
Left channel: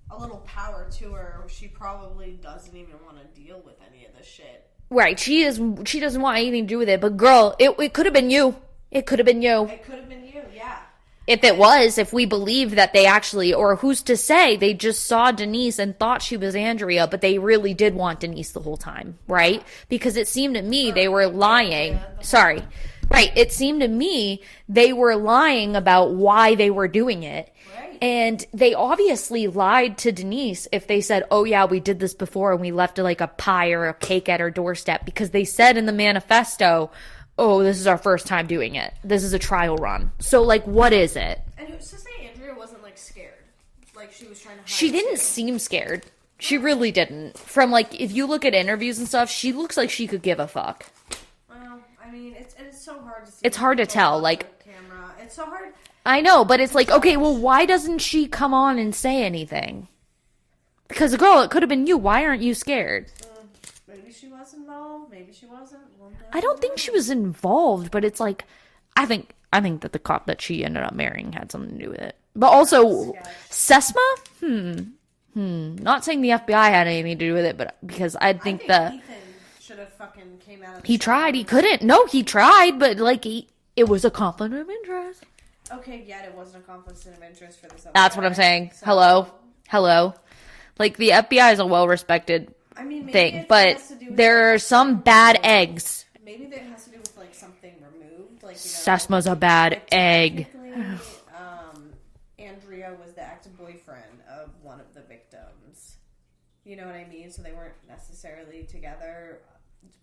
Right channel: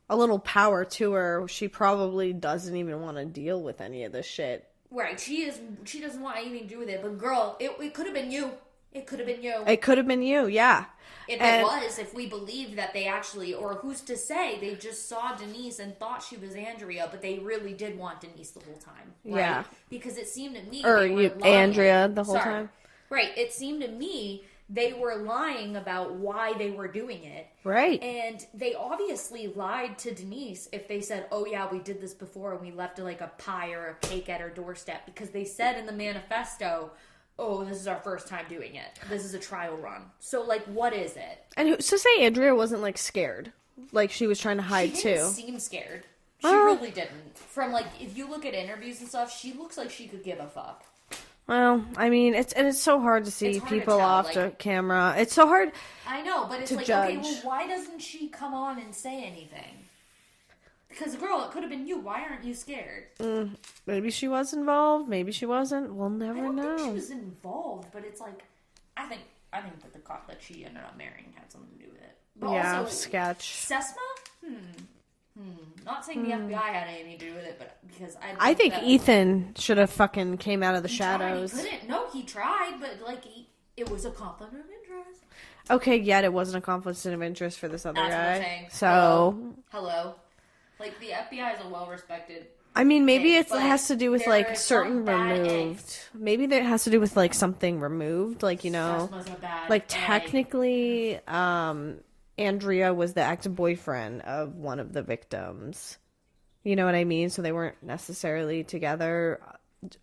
a little power to her. She probably doesn't even want to deal with any of this shit. Right. She doesn't want anything to do with it. But girl, it could have been you. It could have been you. It could have been you, yeah. If we believe that they actually, or who's to say, they just saw Denise and thought she was Andrea, but they really did want Denise the whole time, right? Yeah. Because it seemed to me they were lying. Andrea the whole Sorry. time. Right. It seemed to me they were lying about why they were doing it. Right. And they obviously lied to Denise if they said, oh yeah, we did this before and we left like a pie or a cake at her doorstep, because they said in the manifesto, oh, this is our first time doing it. This is a trial run. So, like, what is it? And who's to say Andrea wasn't, like, scared? Like, she was trying to hide, She didn't too. seem scared. She really didn't. From, like, if you look at interviews and stuff, she looks like she could give a fuck. Well, I mean, it's so hard to see. It's hard to people tell, off like- the camera. It's so hard. I know, but it's like, judge. okay, well, why doesn't she come on and say anything? Because, girl, it could have been you. Why aren't you scared? Maybe she was involved. Maybe she wasn't. We'll never I don't think she was involved, but it's like, I think that the cop that she ended up marrying had something to do with it. But also, sketch. Sesma? Not saying the FBI had anything to do with it, but because I think that Ethan should have fucking came out of the he shadows. tried. He couldn't. No, he tried, but like it was a conflict of interest. Okay, yet it wasn't a conflict of interest for this other That's guy. what I'm saying. So, Hello. Like the FBI is a well-respected I mean, maybe thing, it but has to do with there like, are some certain bad removed- eggs. Maybe it has to do with like something removed, like, you know, Sesma's a bad like egg. technically, Andrea was the ex-boyfriend of one of the victims. You know what I mean? So they weren't necessarily together.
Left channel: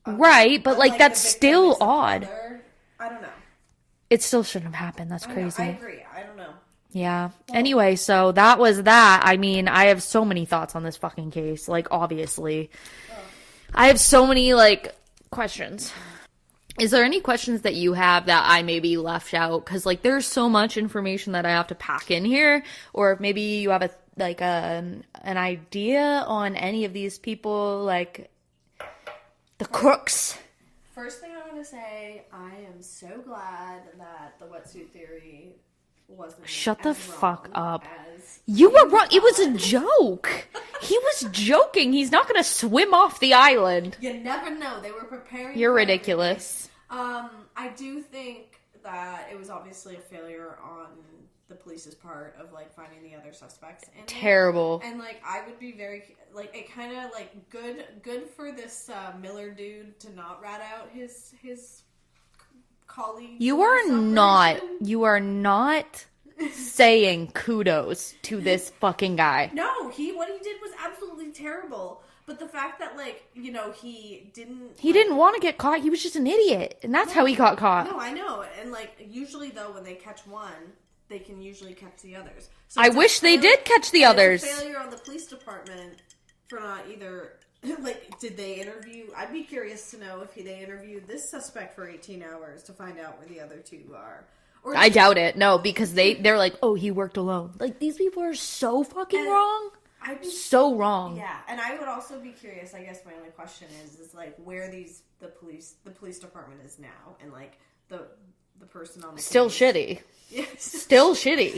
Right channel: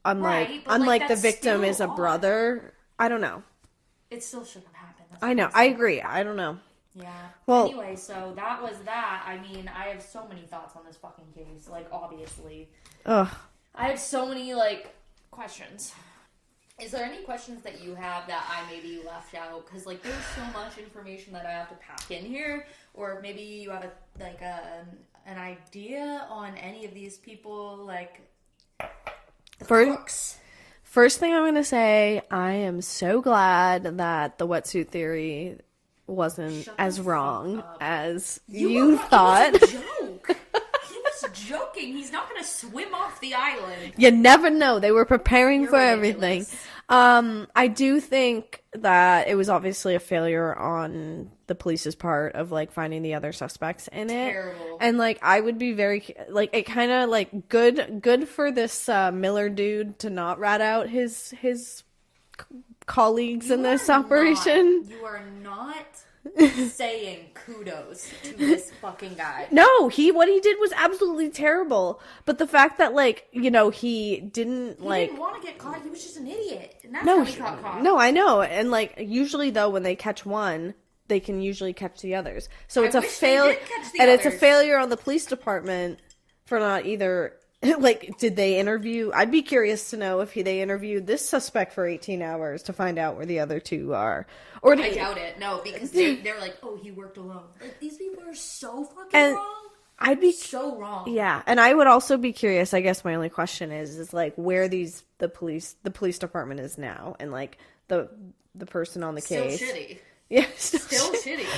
Right, but, like, unlike that's the victim still is a odd. brother. I don't know. It still shouldn't have happened. That's crazy. I know. I agree. I don't know. Yeah. Well- Anyway, so that was that. I mean, I have so many thoughts on this fucking case. Like, obviously. Ugh. I have so many, like, questions. Is there any questions that you have that I maybe left out? Because, like, there's so much information that I have to pack in here. Or maybe you have an idea on any of these people, like, the crooks. First thing I'm going to say, I am so glad that the wetsuit theory wasn't Shut the as fuck wrong up. as You were wrong. It was thought. a joke. He was joking. He's not going to swim off the island. You never know. They were preparing You're for ridiculous. everything. I do think that it was obviously a failure on the police's part of like finding the other suspects in it. Terrible. And like I would be very like it kind of like good for this Miller dude to not rat out his colleagues in this operation. You are not saying kudos to this fucking guy. No, what he did was absolutely terrible. But the fact that like, you know, he didn't want to get caught. He was just an idiot. And that's how he got caught. No, I know. And like usually though when they catch one, they can usually catch the others. So I it's a wish they did catch the and others. It's a failure on the police department for not either like did they interview? I'd be curious to know if they interviewed this suspect for 18 hours to find out where the other two are. Or I doubt it. No, because they're like, oh, he worked alone. Like, these people are so fucking wrong. I'd be So wrong. Yeah, and I would also be curious. I guess my only question is like where the police department is now, and like the person on the Still case. shitty. Yeah, Still shitty.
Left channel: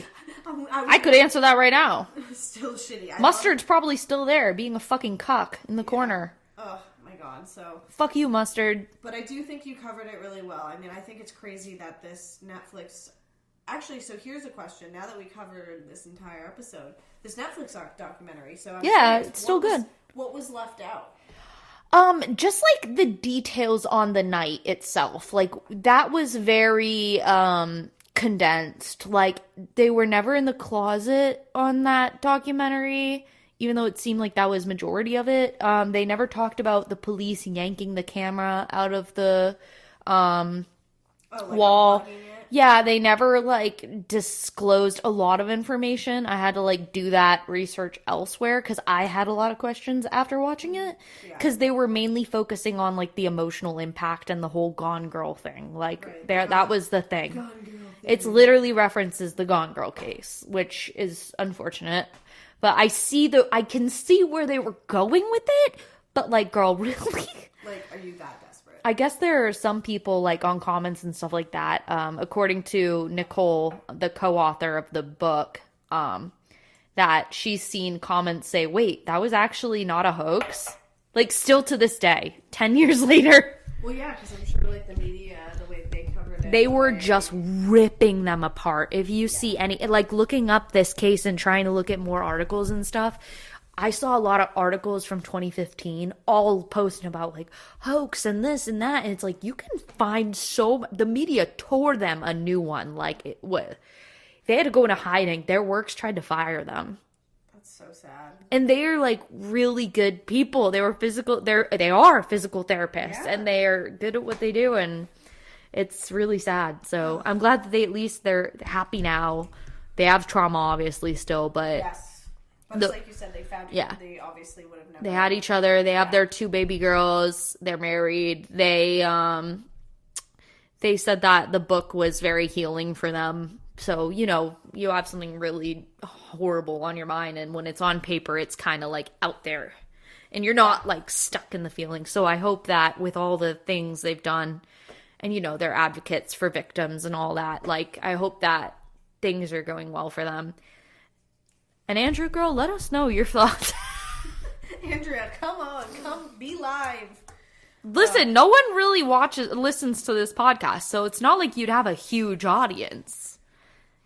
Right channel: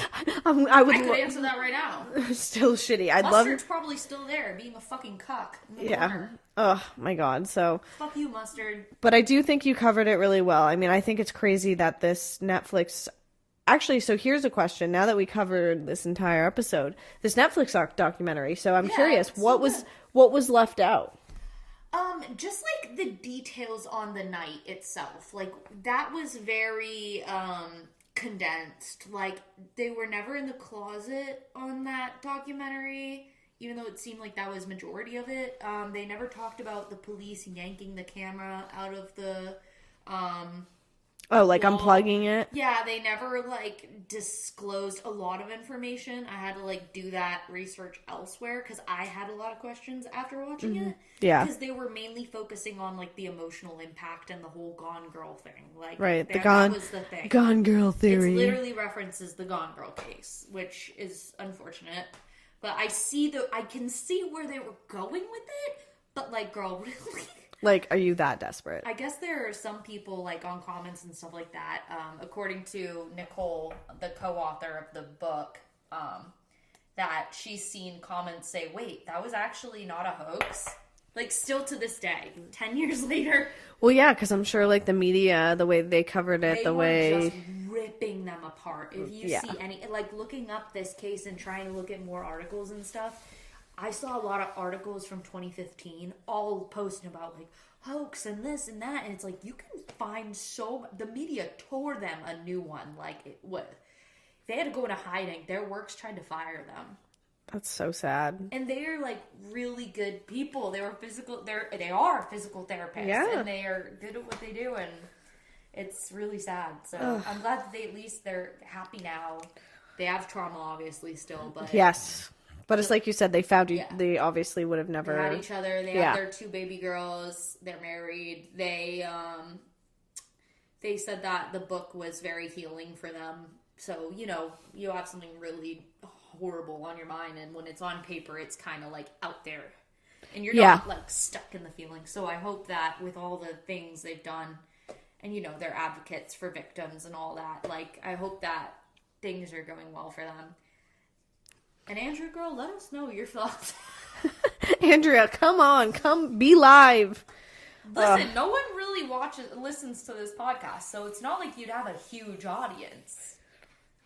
I could answer that right now. Still shitty. Mustard's probably still there, being a fucking cuck in the corner. Oh my god. So Fuck you, Mustard. but I do think you covered it really well. I mean, I think it's crazy that this Netflix. Actually, so here's a question. Now that we covered this entire episode, this Netflix documentary. So I'm curious, it's so good. what was left out? Just like the details on the night itself, like that was very condensed. Like they were never in the closet on that documentary, even though it seemed like that was majority of it. They never talked about the police yanking the camera out of the like wall. unplugging it. Yeah, they never like disclosed a lot of information. I had to like do that research elsewhere because I had a lot of questions after watching it. Yeah, because they were mainly focusing on like the emotional impact and the whole Gone Girl thing. Like, right, that was the thing. Gone Girl theory. It's literally references the Gone Girl case, which is unfortunate. But I can see where they were going with it. But like, girl, really? Like, are you that desperate? I guess there are some people like on comments and stuff like that. According to Nicole, the co-author of the book, that she's seen comments say, "Wait, that was actually not a hoax." Like, still to this day, 10 years later. Well, yeah, because I'm sure like the media, the way they covered it, they were just ripping them apart. If you see any, like looking up this case and trying to look at more articles and stuff, I saw a lot of articles from 2015 all posting about like hoax and this and that. And it's like, you can find the media tore them a new one. Like they had to go into hiding. Their works tried to fire them. That's so sad. And they are like really good people. They are physical therapists, and they are good at what they do. And it's really sad. So I'm glad that they're happy now. They have trauma obviously still, but yes. But it's like you said, they found you. Yeah. They obviously would have never. They had each other. They have their 2 baby girls. They're married. They said that the book was very healing for them. So, you have something really horrible on your mind, and when it's on paper, it's kind of like out there, and you're not like stuck in the feeling. So I hope that with all the things they've done, and they're advocates for victims and all that. Like, I hope that things are going well for them. And Andrea, girl, let us know your thoughts. Andrea, come be live. Listen, no one really listens to this podcast, so it's not like you'd have a huge audience.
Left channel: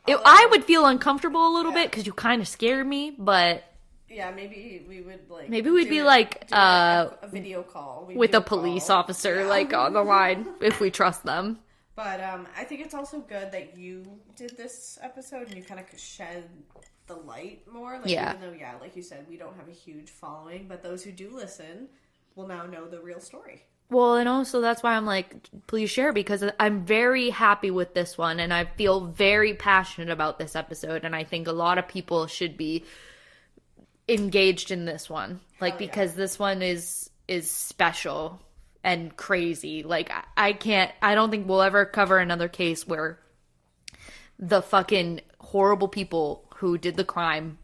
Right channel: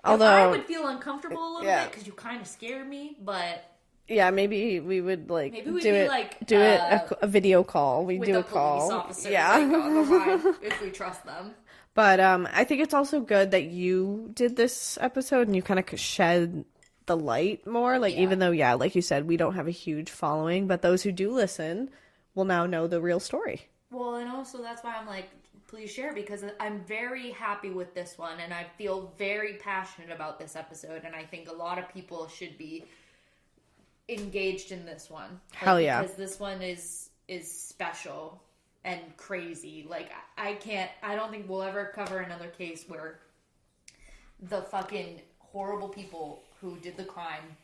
Although, I would feel uncomfortable a little bit because you kind of scare me, but yeah, maybe we would like. Maybe we'd do a video call with a police officer like on the line if we trust them. But I think it's also good that you did this episode and you kind of shed the light more, like even though like you said, we don't have a huge following, but those who do listen will now know the real story. Well, and also that's why I'm like, please share, because I'm very happy with this one and I feel very passionate about this episode, and I think a lot of people should be engaged in this one, like because this one is special and crazy. Like I don't think we'll ever cover another case where the fucking horrible people who did the crime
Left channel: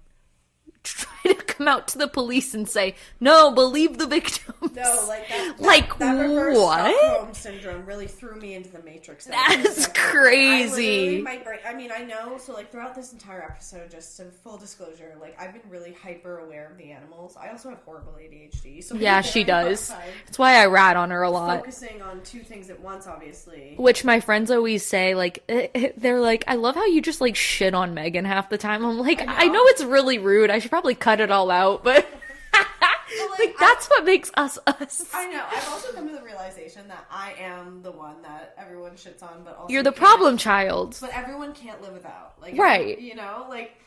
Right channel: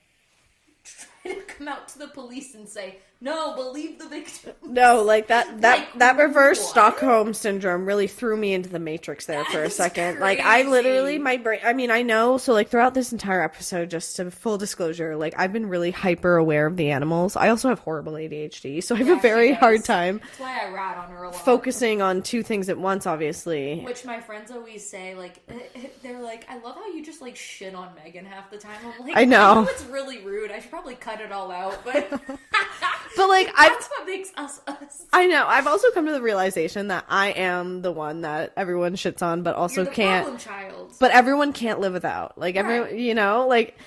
try to come out to the police and say, no, believe the victims. No, like that reverse Stockholm syndrome really threw me into the matrix there for a second. Crazy. Like I literally, my brain, I mean, I know, so like throughout this entire episode, just to full disclosure, like I've been really hyper aware of the animals. I also have horrible ADHD, so I have a very hard time. That's why I rat on her a lot. Focusing on 2 things at once, obviously. Which my friends always say, like, they're like, I love how you just like shit on Megan half the time. I'm like, I know it's really rude. I should probably cut it all out, but but like that's what makes us us. I know. I've also come to the realization that I am the one that everyone shits on, but also you're the problem child. But everyone can't live without. Like, right. Like,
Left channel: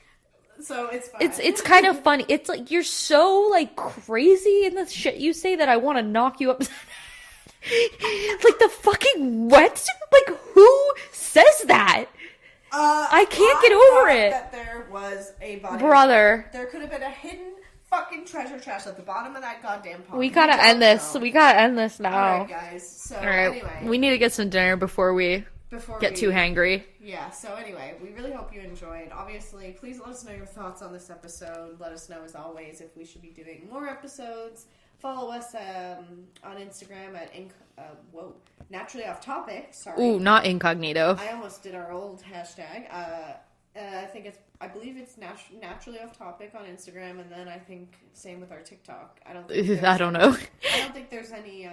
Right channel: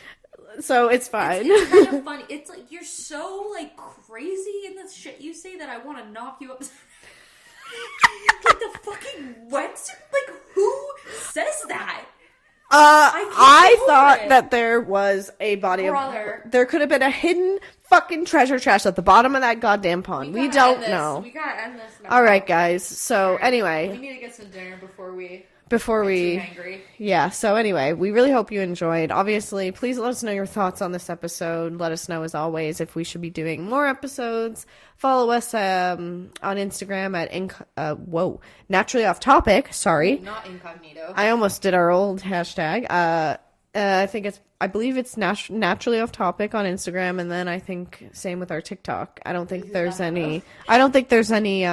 so it's fine. It's kind of funny. It's like you're so like crazy in the shit you say that I want to knock you up. Like the fucking wetsuit. Like who says that? I thought that there was a body brother. There could have been a hidden fucking treasure chest at the bottom of that goddamn pond. We gotta end this. We gotta end this now. All right, guys. So anyway, we need to get some dinner before we get too hangry. Yeah. So anyway, we really hope you enjoyed. Obviously, please let us know your thoughts on this episode. Let us know, as always, if we should be doing more episodes. Follow us on Instagram at naturally off topic. Sorry, ooh, not incognito. I almost did our old hashtag. I believe it's naturally off topic on Instagram, and then I think same with our TikTok. I don't think there's any. I don't think there's any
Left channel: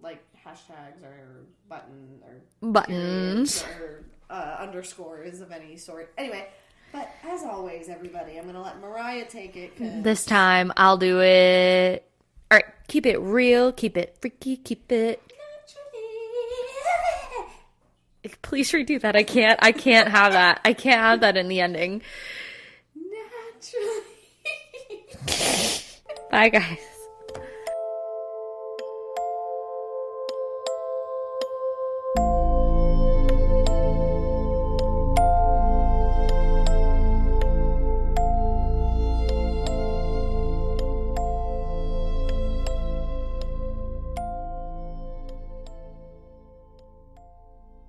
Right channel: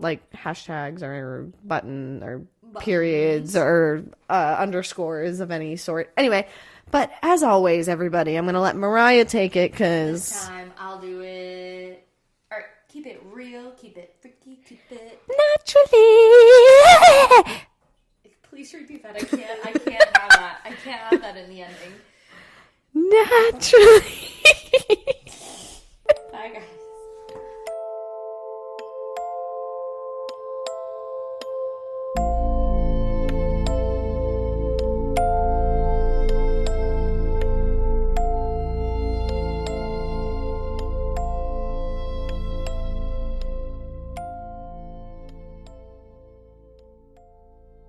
like hashtags or buttons periods or underscores of any sort. Anyway. But as always, everybody, I'm going to let Mariah take it because this time I'll do it. All right, keep it real, keep it freaky, keep it naturally. Please redo that. I can't have that. I can't have that in the ending. Naturally. Bye, guys.